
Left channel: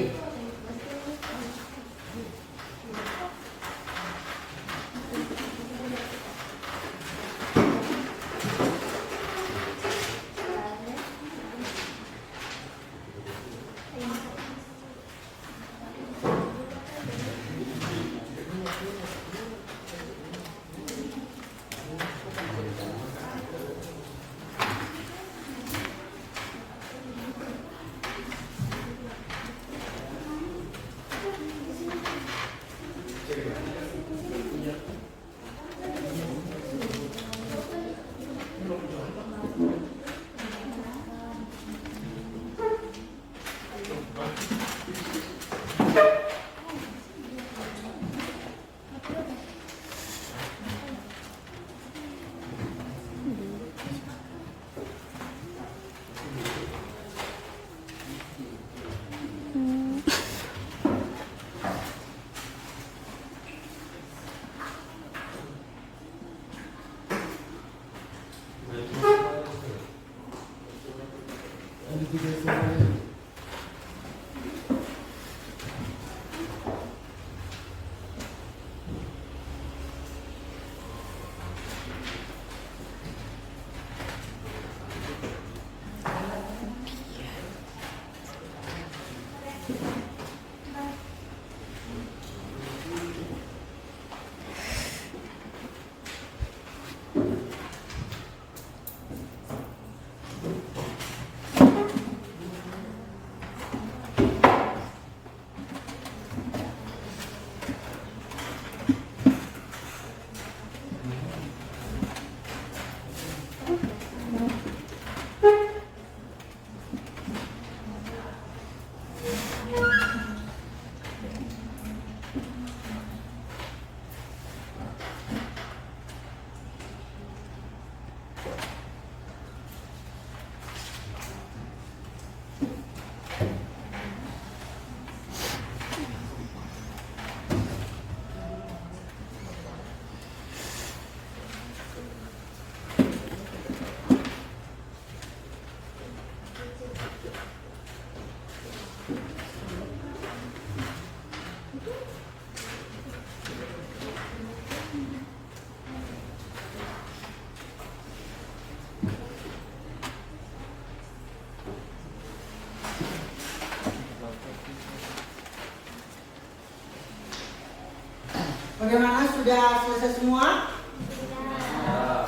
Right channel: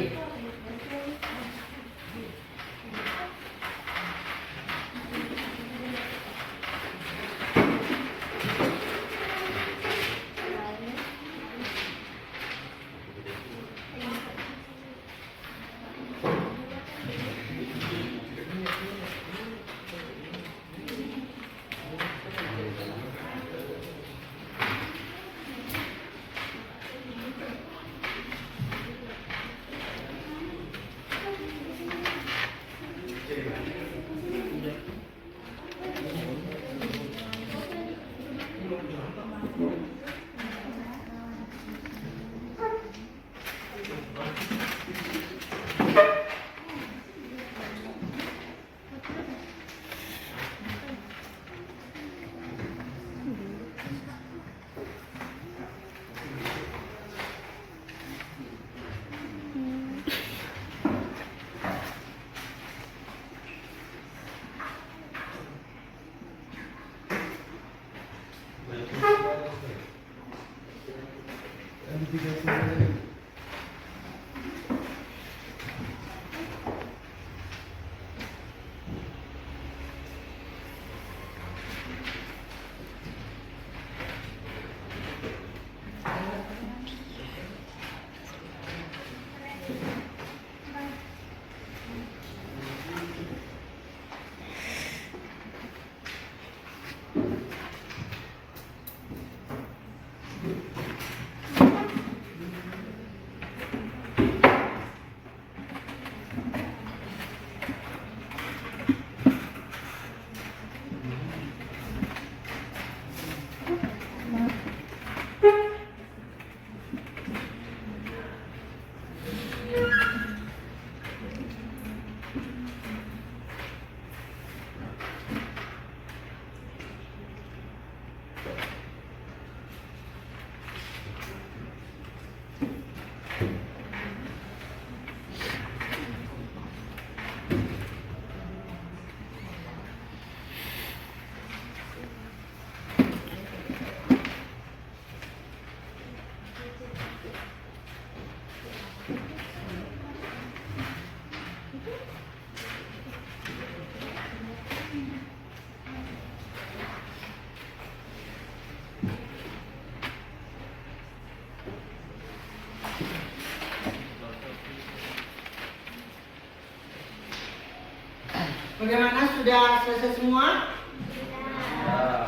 Bagaimana, sudah selesai semua?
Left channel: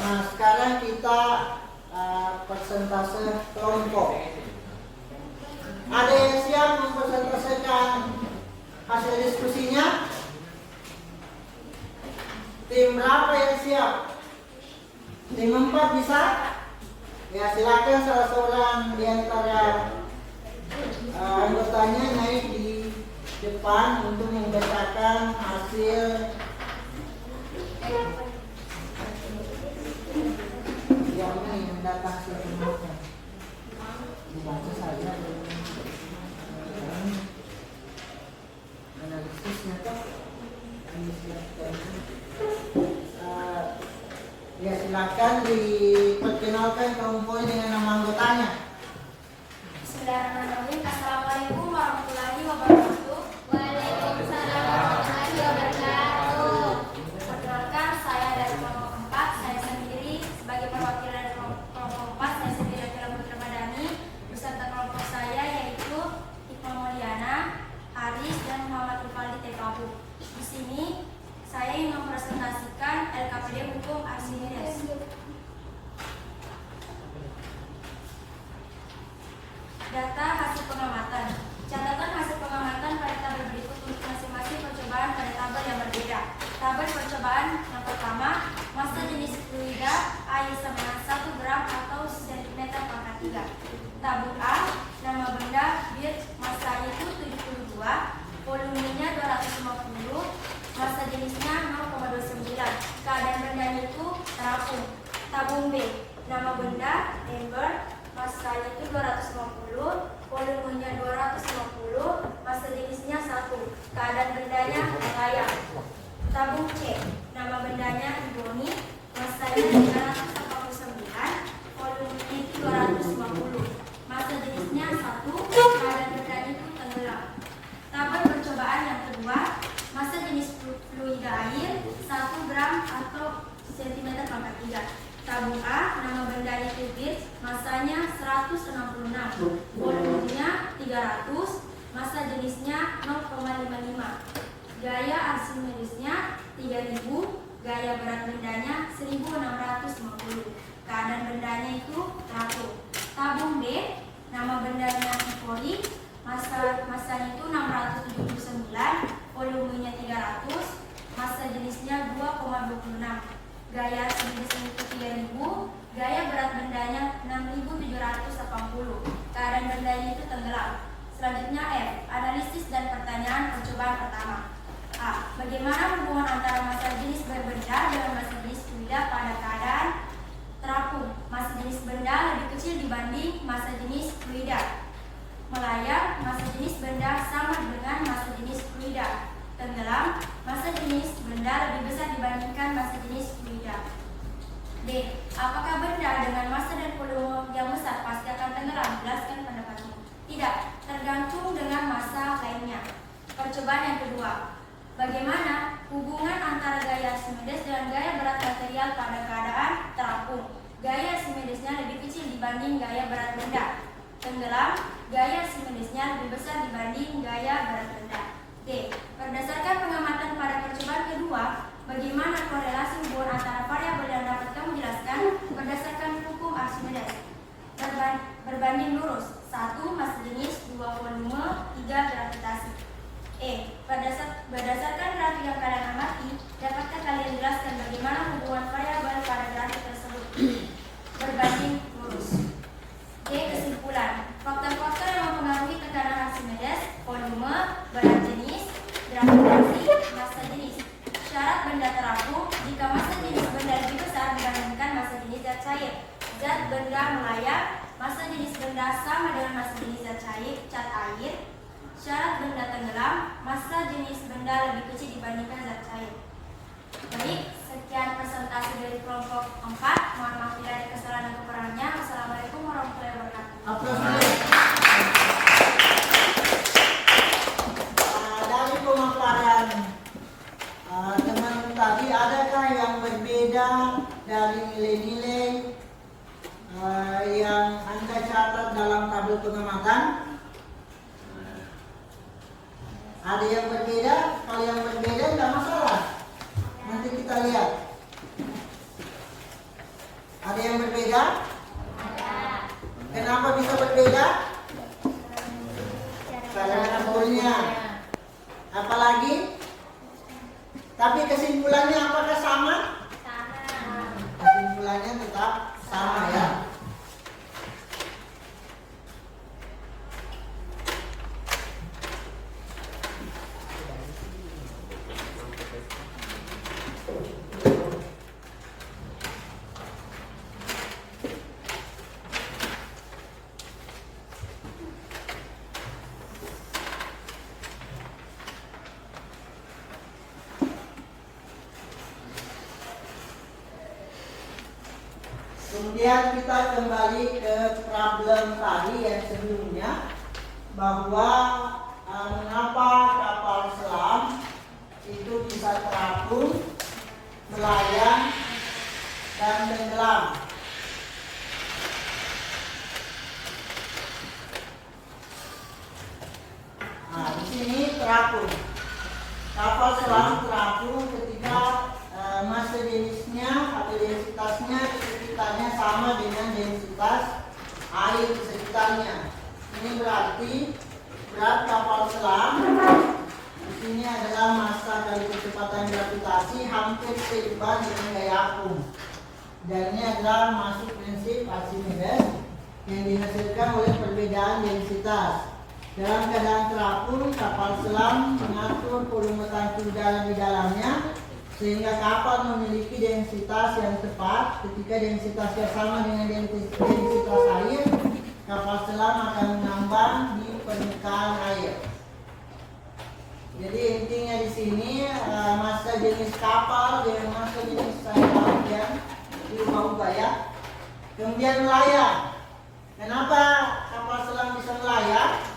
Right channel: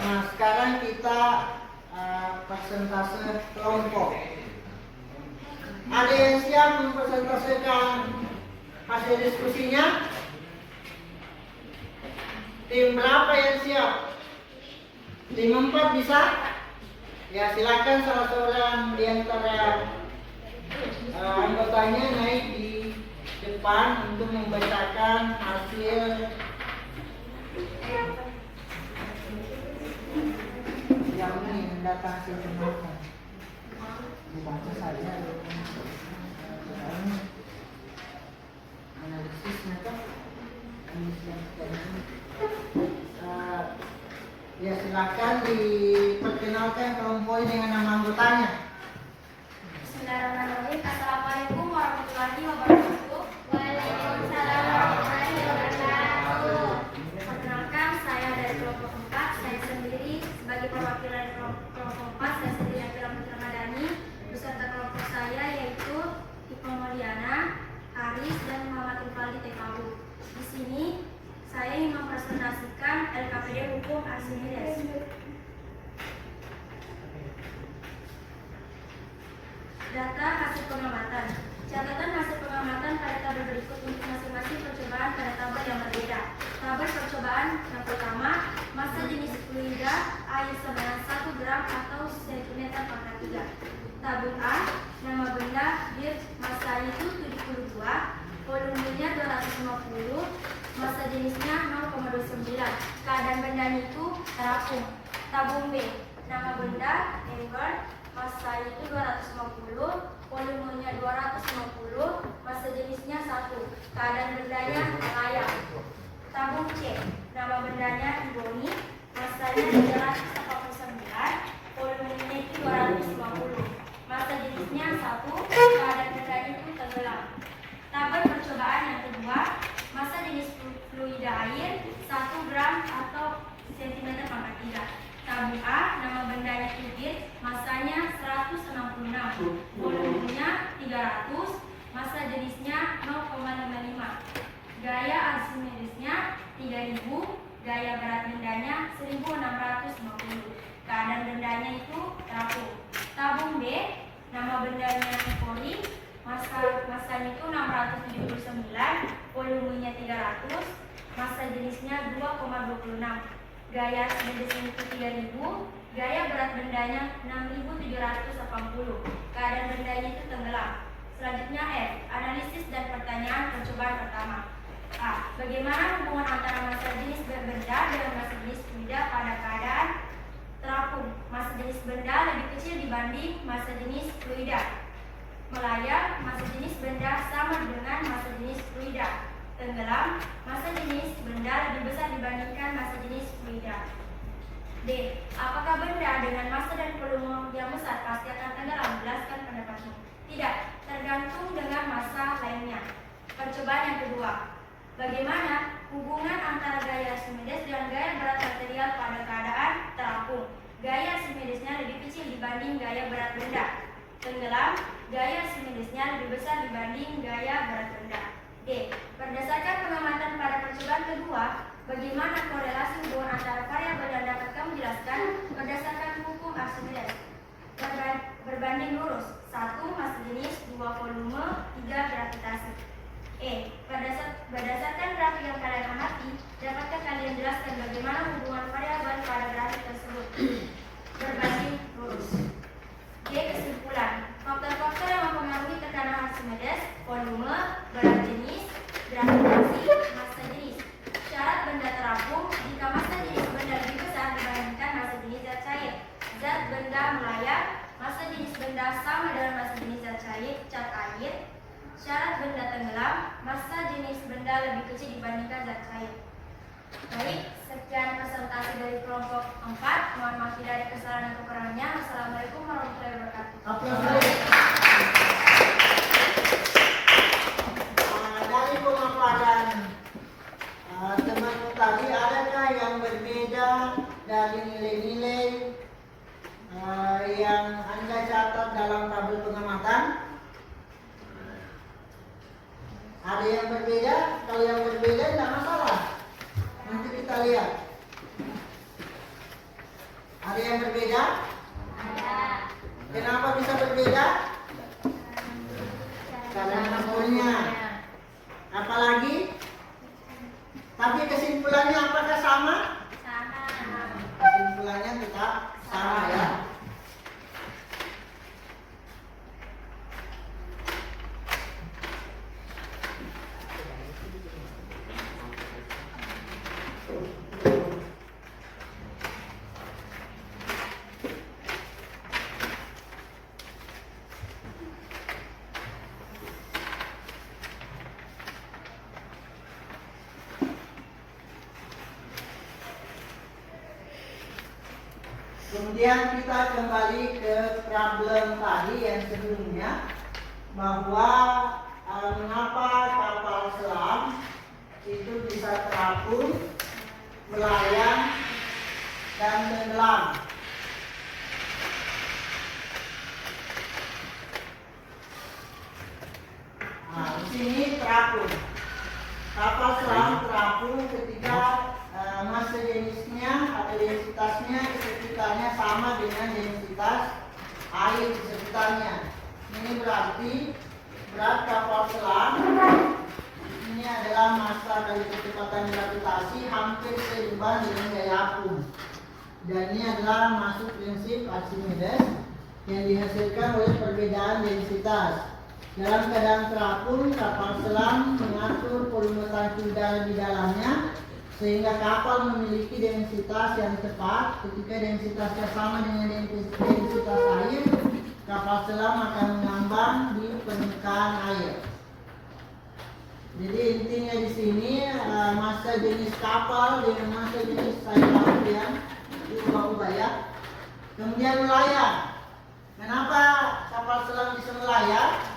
Nah, sekarang kita persentase kelompok. Ada yang siap mempresentasikan hasil diskusinya? Tim berapa yang siap? Tim 4 bisa? Ya, silakan salah seorang di antara anggotanya naik di depan untuk membacakan hasil yang ini datang hasil pemilihan. Dibaca saja analisisnya toh. Ya, silakan diperkenalkan kaum poin dengan nama anggotanya. Bismillahirrahmanirrahim. Assalamualaikum warahmatullahi wabarakatuh. Waalaikumsalam warahmatullahi wabarakatuh. Perkenalkan, saya dari kelompok 4. Saya sendiri sebagai perwakilan dari kelompok 4. Saya sendiri adalah Putra Madani. Beserta kelompok saya yaitu Ipa Moliana, Aris, dan Maulana Kifali Tepabu. Di sini saya ingin mempresentasikan LKPD Hukum Archimedes. Data hasil pengamatan. Catatan hasil pengamatan pada tabel berikut untuk masing-masing percobaan pada tabel yang berbeda. Tabel percobaan yang pertama, massa jenis fluida air seberat 1 gram atau cm pangkat 3. Tabung A, nama benda bir, massa itu 72, volumenya 250, massa jenisnya 0,29. Keadaan bendanya itu terapung. Tabung B, nama benda ember, massa itu 250, volumenya 250, massa jenisnya 1. Keadaan bendanya layak. Tabung C, nama bendanya iboni, massa itu 389, volumenya itu 250, massa jenisnya 1. Keadaan bendanya itu tenggelam. Tabel percobaan yang kedua, massa jenis fluida air 1 gram atau cm pangkat 3. Tabung A, nama bendanya kubis, massanya 166, volumenya 300, massa jenisnya 0,55. Gaya Archimedesnya 3000, gaya berat bendanya 1650. Keadaan bendanya itu terapung. Tabung D, nama bendanya Ipori, massanya itu 679, volumenya 300, massa jenisnya 2,26. Gaya Archimedesnya itu 3000, gaya berat bendanya 6780. Keadaan bendanya itu tenggelam. Selanjutnya F, analisis dan pertanyaan percobaan pertama. A, bagaimana hubungan antara massa jenis berbenda dengan massa jenis fluida pada keadaan terapung? Massa jenis benda lebih kecil dibanding massa jenis fluida. Melayang, massa jenis benda sama dengan massa jenis fluida. Tenggelam, massa jenis benda lebih besar dibandingkan massa jenis fluida. D, apakah benda dengan massa dan volume yang besar pasti akan tenggelam? Jelaskan pendapatmu. Tidak, tergantung dengan massa lainnya. Percobaan yang kedua, bagaimana hubungan antara gaya Archimedes dengan gaya berat material pada keadaan terapung? Gaya Archimedesnya lebih kecil dibanding gaya berat benda. Tenggelam, gaya Archimedesnya lebih besar dibanding gaya berat benda. D, berdasarkan pengamatan pada percobaan kedua, bagaimana korelasi hubungan antara variabel yang dapat kamu jelaskan berdasarkan hukum Archimedes? Berbanding lurus. 1. Massa jenis, 2. Volume, 3. Gravitasi. E, berdasarkan grafik yang kalian amati, dapatkah kalian jelaskan bagaimana hubungan variabel pada grafik tersebut? Berbanding lurus. D. Kesimpulan. Faktor-faktor yang mempengaruhi tekanan Archimedes, volume, berat jenis, gravitasi, massa jenis. Syarat benda terapung, jika massa jenis benda lebih besar dibandingkan massa jenis zat cair. Zat benda melayang, massa jenis benda sama dengan massa jenis zat cair, cat air. Syarat benda tenggelam, massa jenis benda lebih kecil dibandingkan zat cair. Baik, sekian presentasi dari kelompok 4. Mohon maaf bila ada kesalahan dan kekurangannya. Wassalamualaikum warahmatullahi wabarakatuh. Dari pemaparan teman tadi, adakah yang berbeda dari nilai-nilai yang Anda catat dalam tabel pengamatan? Ada yang berbeda? Kalau yang berbeda tidak masalah. kita lihat. Ada yang berbeda? Kenapa bisa berbeda? Karena poinnya. Apalagi? Tapi kesimpulannya apakah sama? Kesimpulannya tetap sama ya. Kemudian kita kembali ke problem tadi yang sebelumnya, bahwa mengapa kapal selam itu bisa terapung, melayang, dan tenggelam. Nah, di sini terapung. Kapal selam terapung ketika massa jenisnya atau densitasnya di sekitarnya sama dengan densitas air di sekitarnya. Ini berarti berat kapal selam di sini adalah massa kali kecepatan gravitasi hampir seimbang dengan gaya apung. Dan ini adalah masuk prinsip Archimedes yang dihasilkan oleh perbedaan densitas. Dalam keadaan terapung, kapal selam mengatur volume tangki udara di dalamnya sehingga kapal memiliki densitas yang tepat. Ketika densitasnya sama dengan densitas air, kapal selam akan mengambang di permukaan air. Jadi intinya di sini massa jenis kapal dengan massa jenis air laut yang itu berubah ya. Kemudian melayang. Kenapa kapal selam bisa melayang?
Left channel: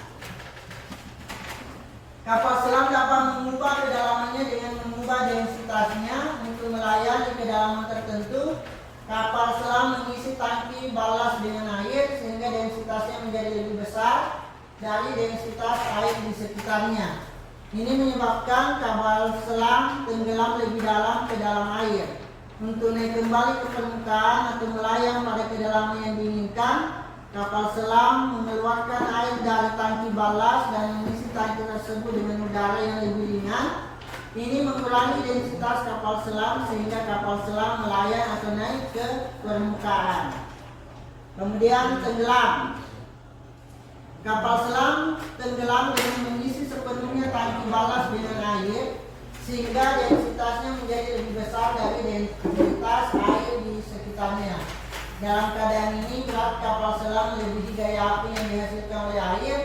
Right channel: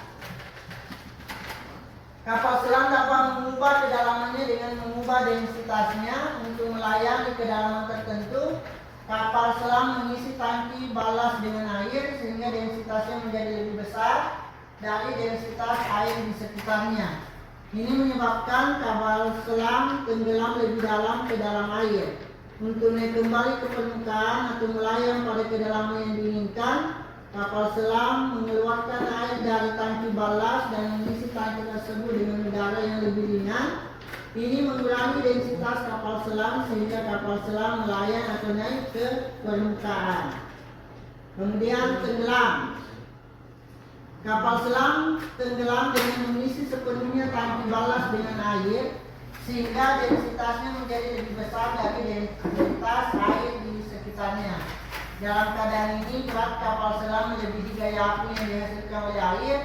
Kapal selam dapat mengubah kedalamannya dengan mengubah densitasnya. Untuk melayang di kedalaman tertentu, kapal selam mengisi tangki balas dengan air sehingga densitasnya menjadi lebih besar dari densitas air di sekitarnya. Ini menyebabkan kapal selam tenggelam lebih dalam ke dalam air. Untuk naik kembali ke permukaan atau melayang pada kedalaman yang diinginkan, kapal selam mengeluarkan air dari tangki balas dan mengisi tangki tersebut dengan udara yang lebih ringan. Ini mengurangi densitas kapal selam sehingga kapal selam melayang atau naik ke permukaan. Kemudian tenggelam. Kapal selam tenggelam dengan mengisi sepenuhnya tangki balas dengan air sehingga densitasnya menjadi lebih besar dari densitas air di sekitarnya. Dalam keadaan ini, berat kapal selam melebihi gaya api yang dihasilkan oleh air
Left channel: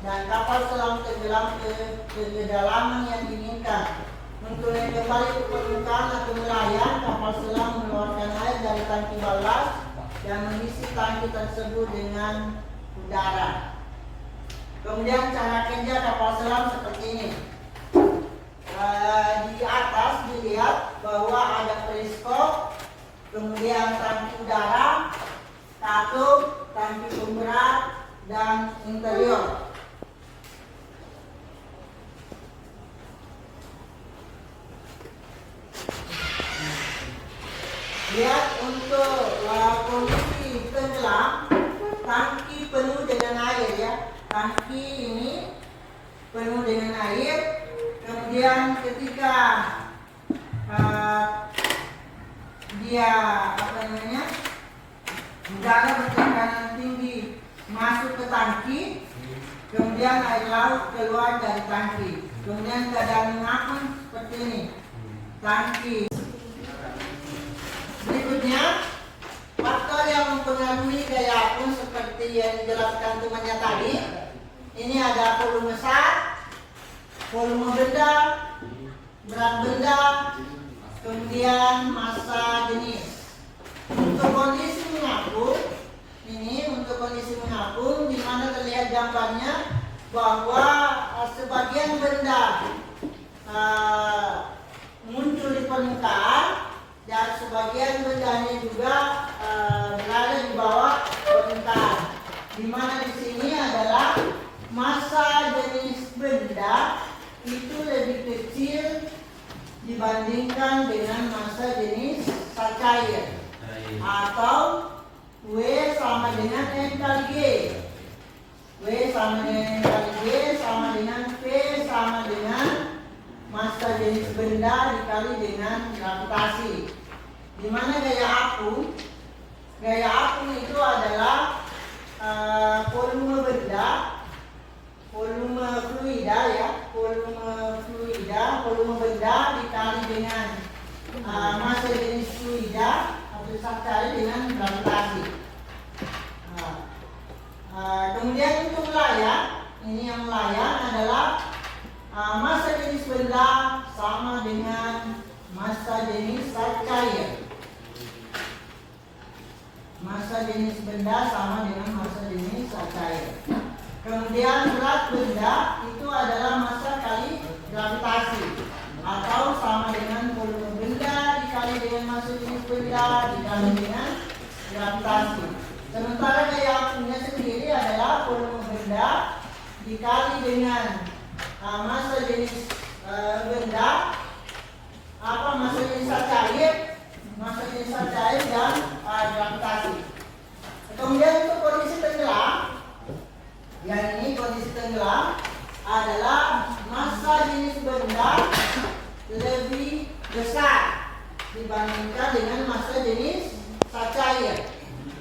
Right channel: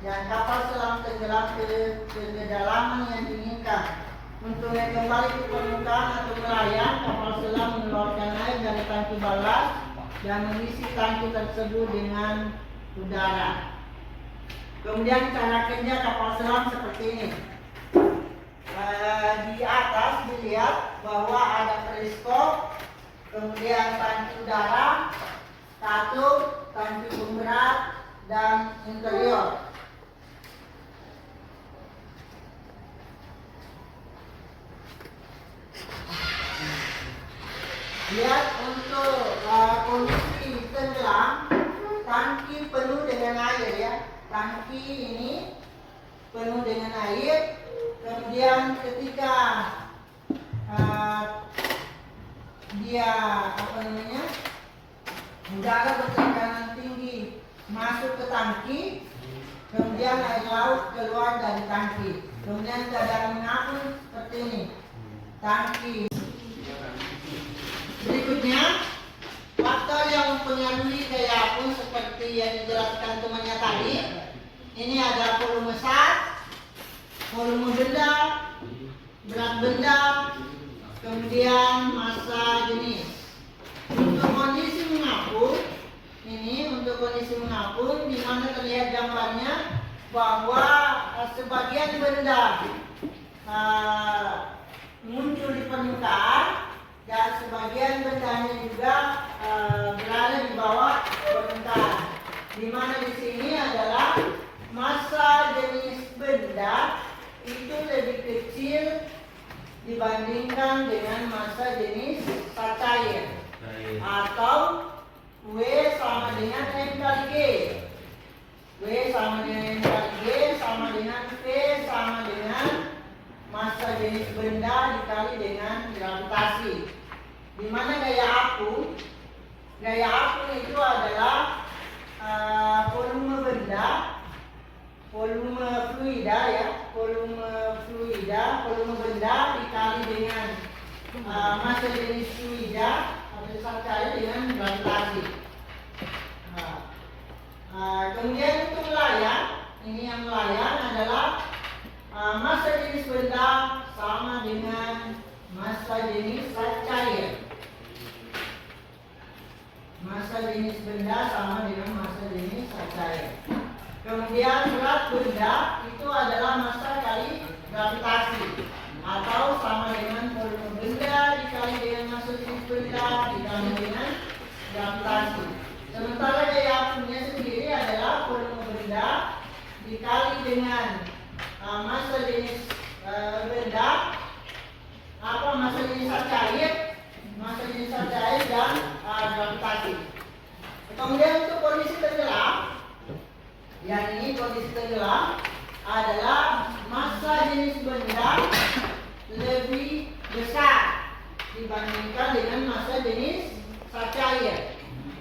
dan kapal selam tenggelam ke kedalaman yang diinginkan. Untuk naik kembali ke permukaan atau melayang, kapal selam mengeluarkan air dari tangki balas dan mengisi tangki tersebut dengan udara. Kemudian cara kerja kapal selam seperti ini. Di atas dilihat bahwa ada periskop, kemudian tangki udara, katup, tangki pemberat, dan interior. Lihat untuk kondisi tenggelam, tangki penuh dengan air ya. Tangki ini penuh dengan air. Kemudian ketika dia udara bertekanan tinggi masuk ke tangki, kemudian air laut keluar dari tangki. Kemudian keadaan mengapung seperti ini. Tangki. Berikutnya, faktor yang mempengaruhi gaya apung seperti yang dijelaskan temannya tadi. Ini ada volume zat, volume benda, berat benda, kemudian massa jenis. Untuk kondisi mengapung, untuk kondisi mengapung di mana terlihat gambarnya bahwa sebagian benda muncul di permukaan dan sebagian bendanya juga berada di bawah permukaan. Di mana di sini adalah massa jenis benda itu lebih kecil dibandingkan dengan massa jenis zat cair, atau W sama dengan M kali G. W sama dengan M kali G sama dengan V sama dengan massa jenis benda dikali dengan gravitasi. Di mana gaya apung itu adalah volume benda, volume fluida ya, volume benda dikali dengan massa jenis fluida atau zat cair dengan gravitasi. Kemudian untuk layan, ini yang layan adalah massa jenis benda sama dengan massa jenis zat cair. Massa jenis benda sama dengan massa jenis zat cair. Kemudian berat benda itu adalah massa kali gravitasi, atau sama dengan volume benda dikali dengan massa jenis benda dikali dengan gravitasi. Sementara gaya apungnya sendiri adalah volume benda dikali dengan massa jenis benda, massa jenis zat cair dan gravitasi. Kemudian untuk kondisi tenggelam, yang ini kondisi tenggelam adalah massa jenis benda lebih besar dibandingkan dengan massa jenis zat cair,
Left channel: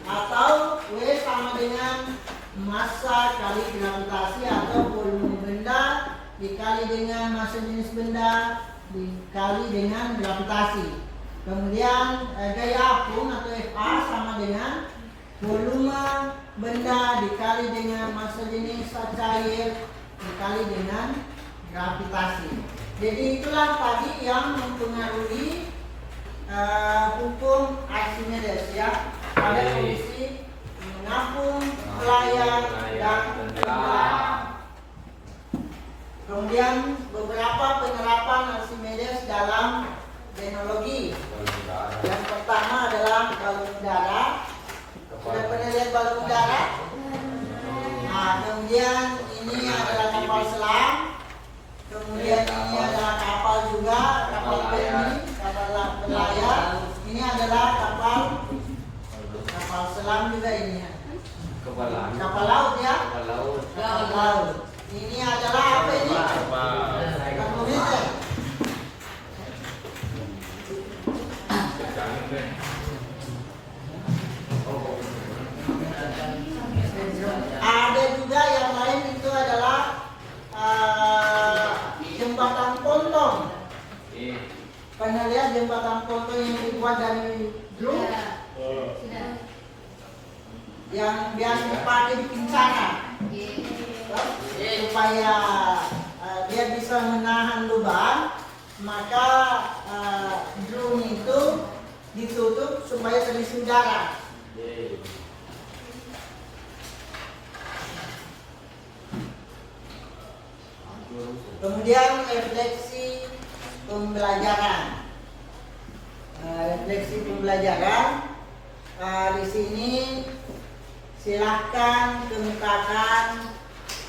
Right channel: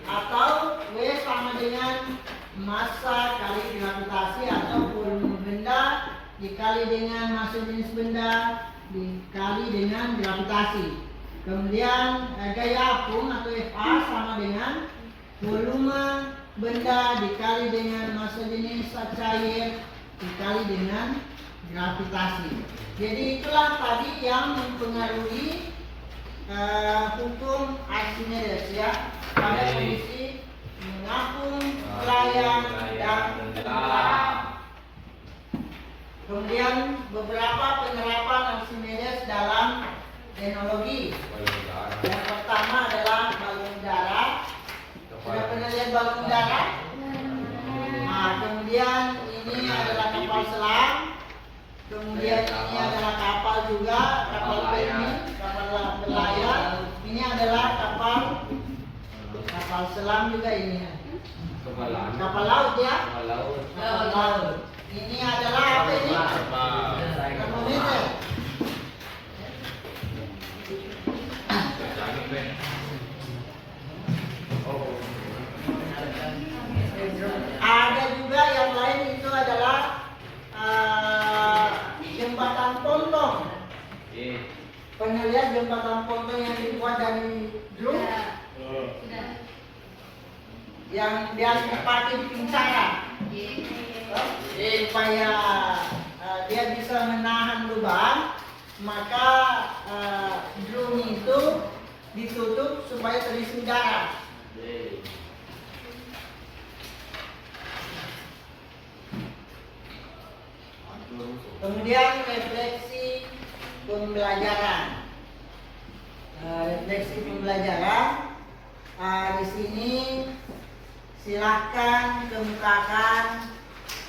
atau W sama dengan massa kali gravitasi atau volume benda dikali dengan massa jenis benda dikali dengan gravitasi. Kemudian gaya apung atau Fa sama dengan volume benda dikali dengan massa jenis zat cair dikali dengan gravitasi. Jadi itulah tadi yang mempengaruhi hukum Archimedes ya, pada kondisi mengapung, melayang, dan tenggelam. Kemudian beberapa penerapan Archimedes dalam teknologi. Yang pertama adalah balon udara. Sudah pernah lihat balon udara? Nah, kemudian ini adalah kapal selam. Kemudian ini adalah kapal juga, kapal penny, kapal berlayar. Ini adalah kapal selam juga ini. Kapal laut ya. Kapal laut. Ini adalah apa ini? Termometer. Ada juga yang lain, itu adalah jembatan ponton. Pernah lihat jembatan ponton yang dibuat dari drum? Yang biasa dipakai di pincaran, supaya dia bisa menahan lubang, maka drum itu ditutup supaya terisi udara. Kemudian refleksi pembelajaran. Di sini silahkan kemukakan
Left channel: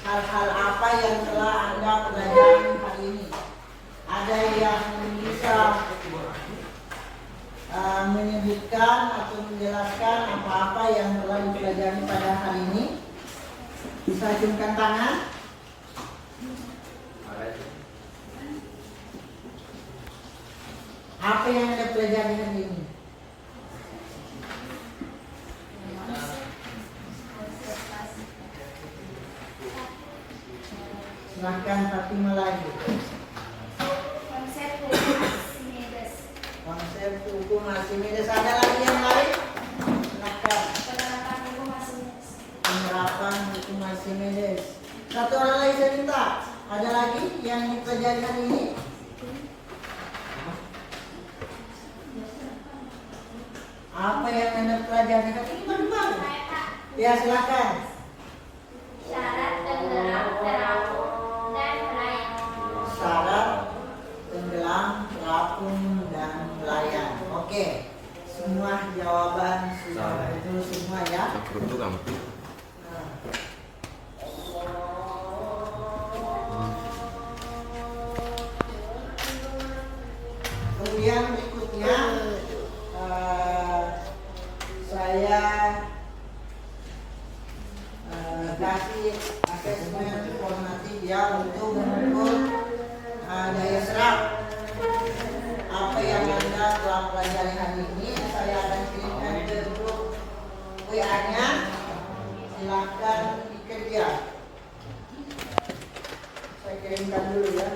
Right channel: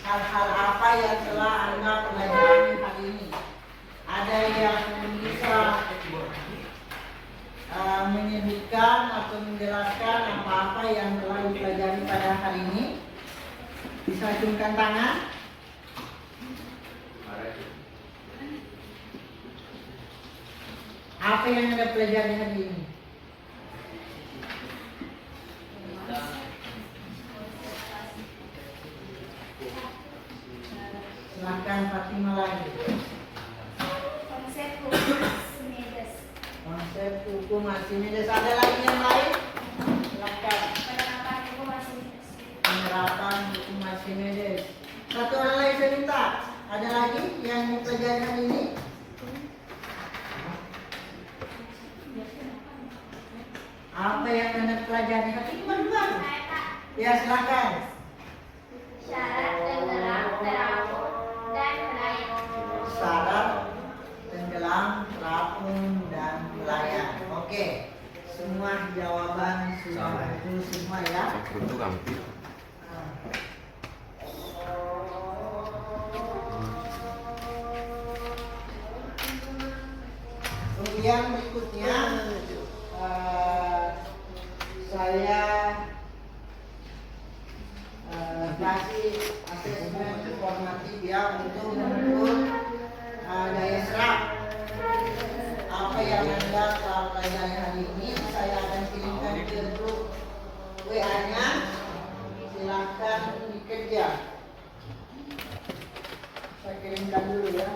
hal-hal apa yang telah Anda pelajari hari ini. Ada yang bisa menyebutkan atau menjelaskan apa-apa yang telah dipelajari pada hari ini? Bisa acungkan tangan. Apa yang Anda pelajari hari ini? Silahkan Fatimah lagi. Konsep hukum Archimedes. Konsep hukum Archimedes. Ada lagi yang lain? Silahkan. Penerapan hukum Archimedes. Penerapan hukum Archimedes. Satu orang lagi saya minta. Ada lagi yang dipelajari hari ini? Apa yang Anda pelajari hari ini? Baru-baru. Ya, silakan. Syarat tenggelam, terapung, dan melayang. Syarat tenggelam, terapung, dan melayang. Oke. Semua jawaban sudah itu semua ya. yang berikutnya saya kasih asesmen formatif ya untuk mengukur daya serap apa yang Anda telah pelajari hari ini. Saya akan kirimkan ke grup WA-nya. Silakan dikerja. Saya kirimkan dulu ya.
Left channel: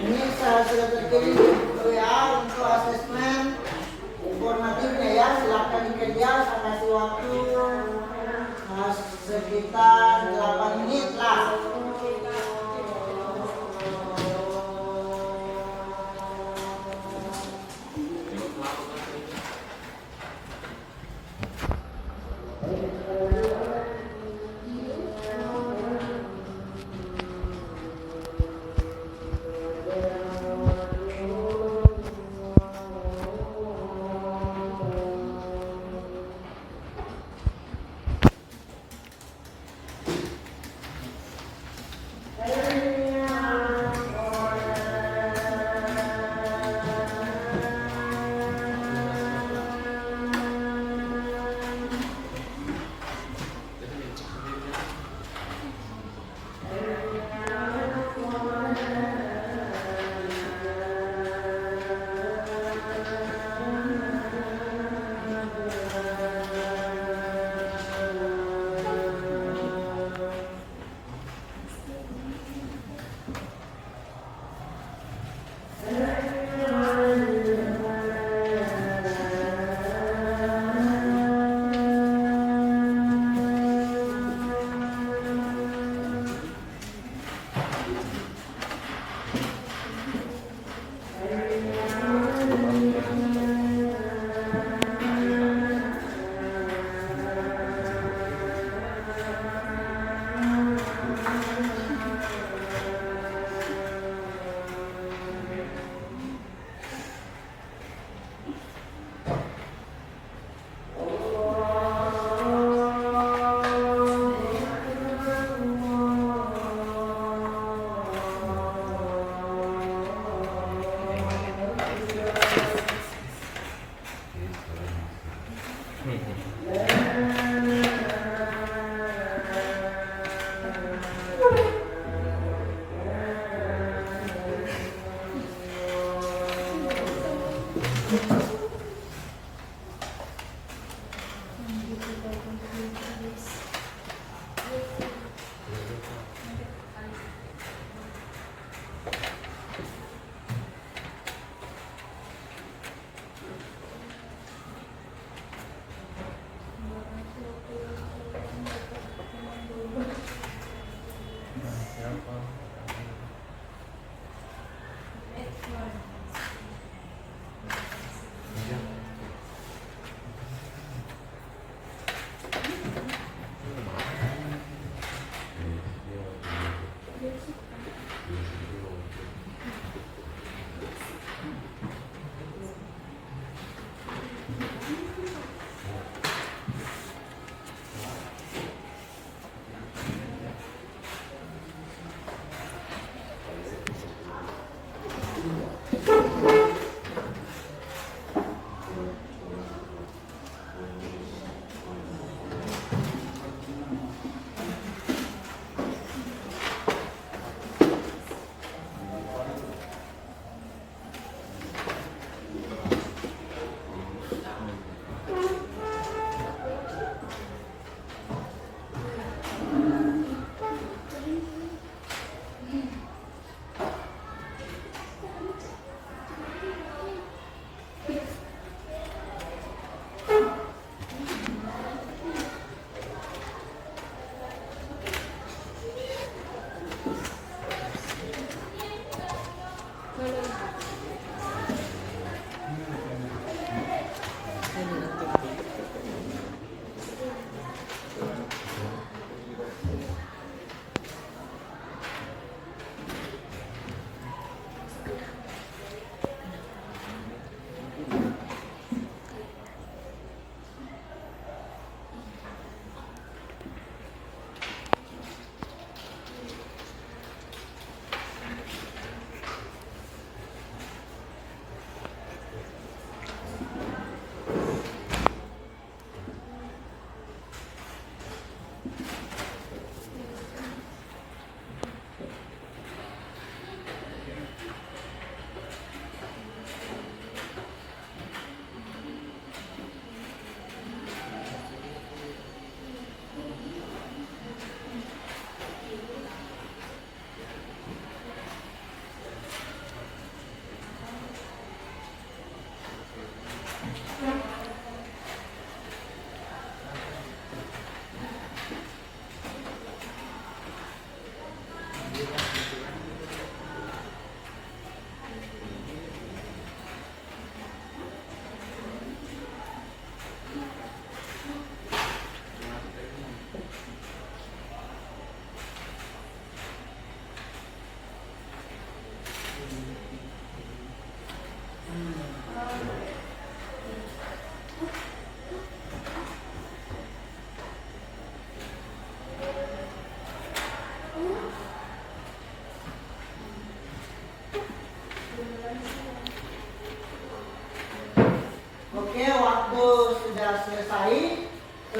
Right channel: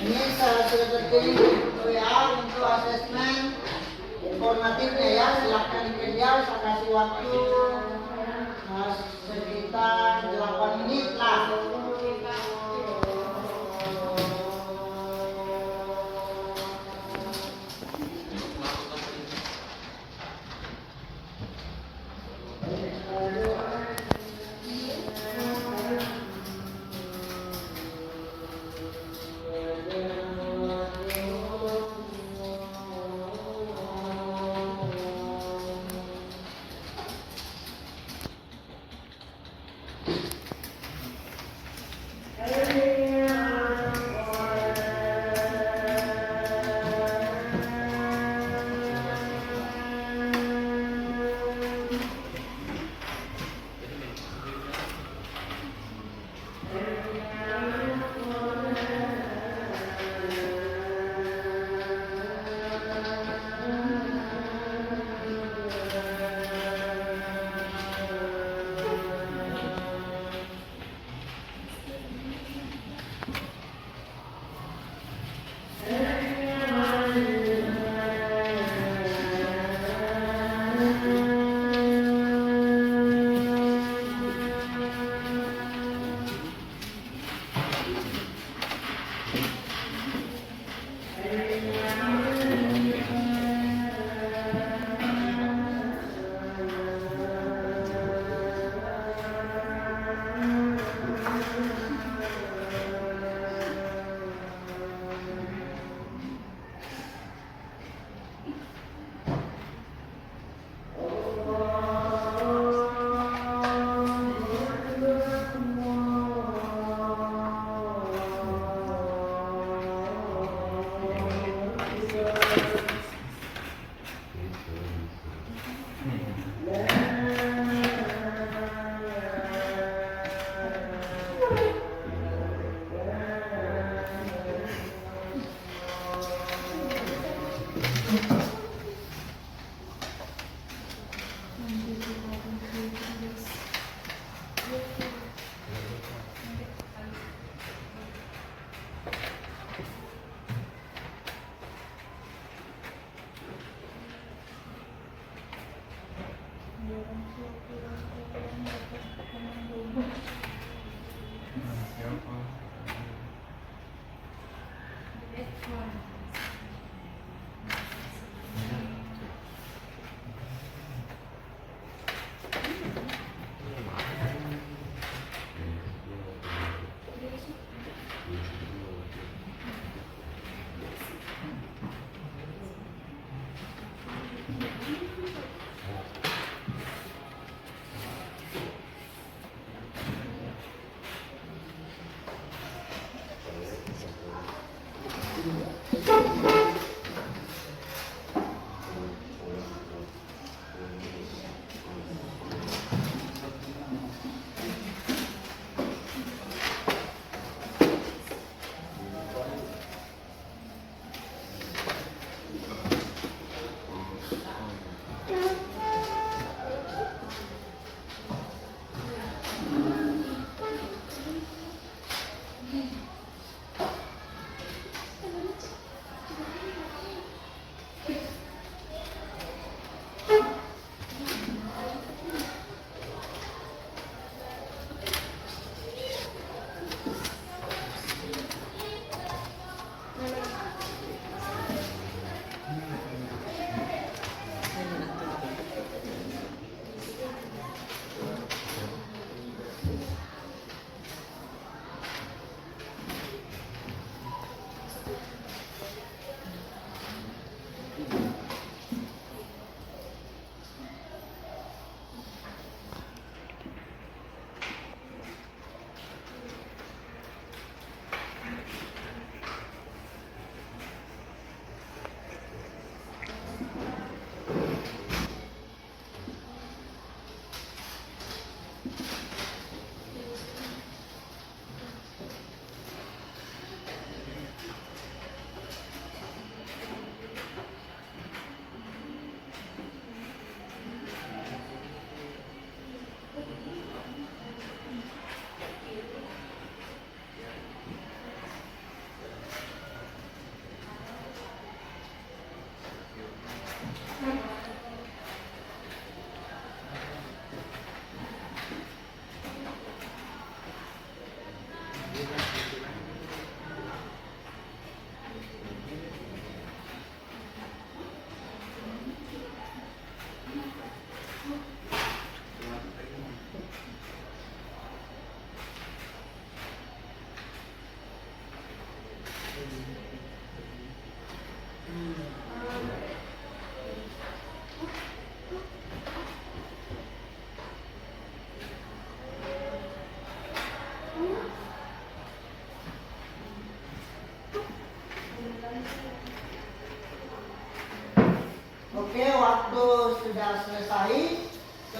Ini sudah terkirim WA untuk asesmen informatifnya ya. Silakan dikerja. Saya kasih waktu sekitar 8 menit lah.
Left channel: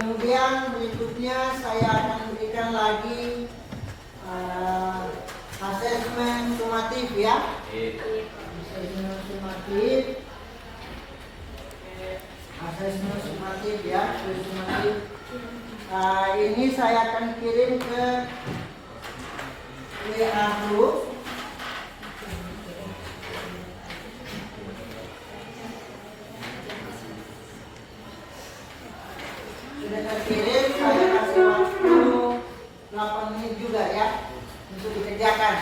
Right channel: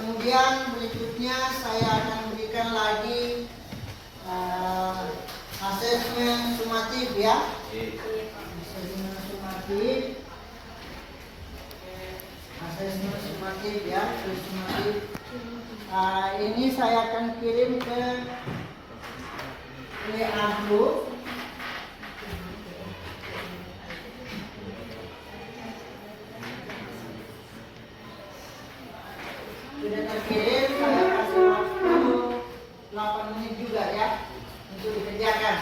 Kemudian berikutnya saya akan berikan lagi asesmen sumatif ya. Asesmen sumatif. Asesmen sumatif ya, sumatif. Ini saya akan kirim ke WA group. Sudah terkirim, saya kasih waktu 8 menit juga ya untuk dikerjakan.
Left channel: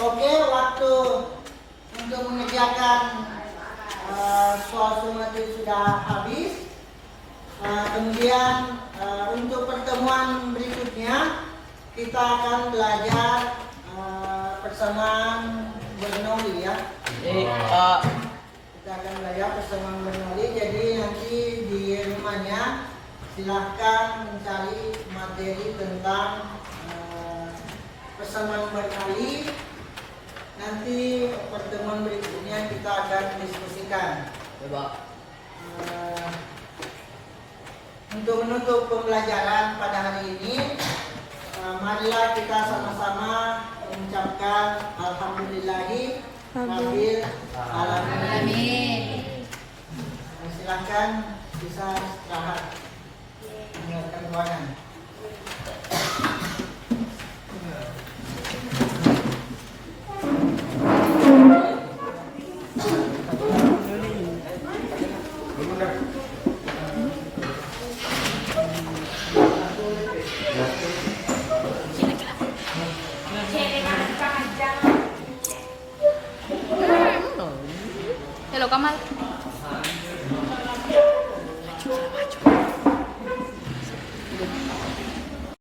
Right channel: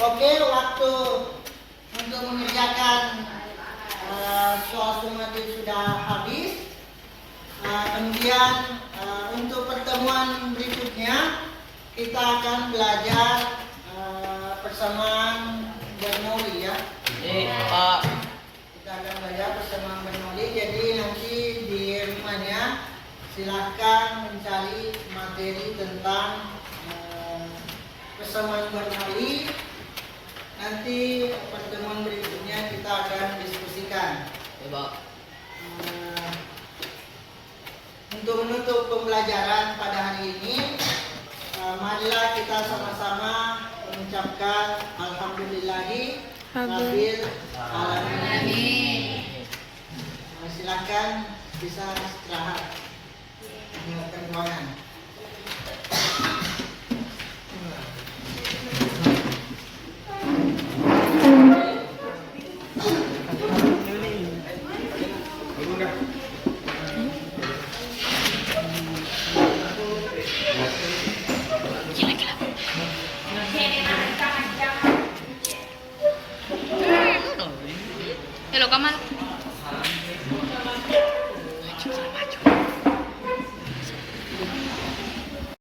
Oke, waktu untuk mengerjakan soal sumatif sudah habis. Kemudian untuk pertemuan berikutnya kita akan belajar persamaan Bernoulli ya. Kita akan belajar persamaan Bernoulli. Jadi nanti di rumahnya silahkan mencari materi tentang persamaan barangkali. Nanti pertemuan berikutnya kita akan diskusikan. Untuk menutup pembelajaran pada hari ini, marilah kita sama-sama mengucapkan Alhamdulillahi Rabbil Alamin. Silakan bisa istirahat, meninggalkan ruangan. Hello Kamal. Maju.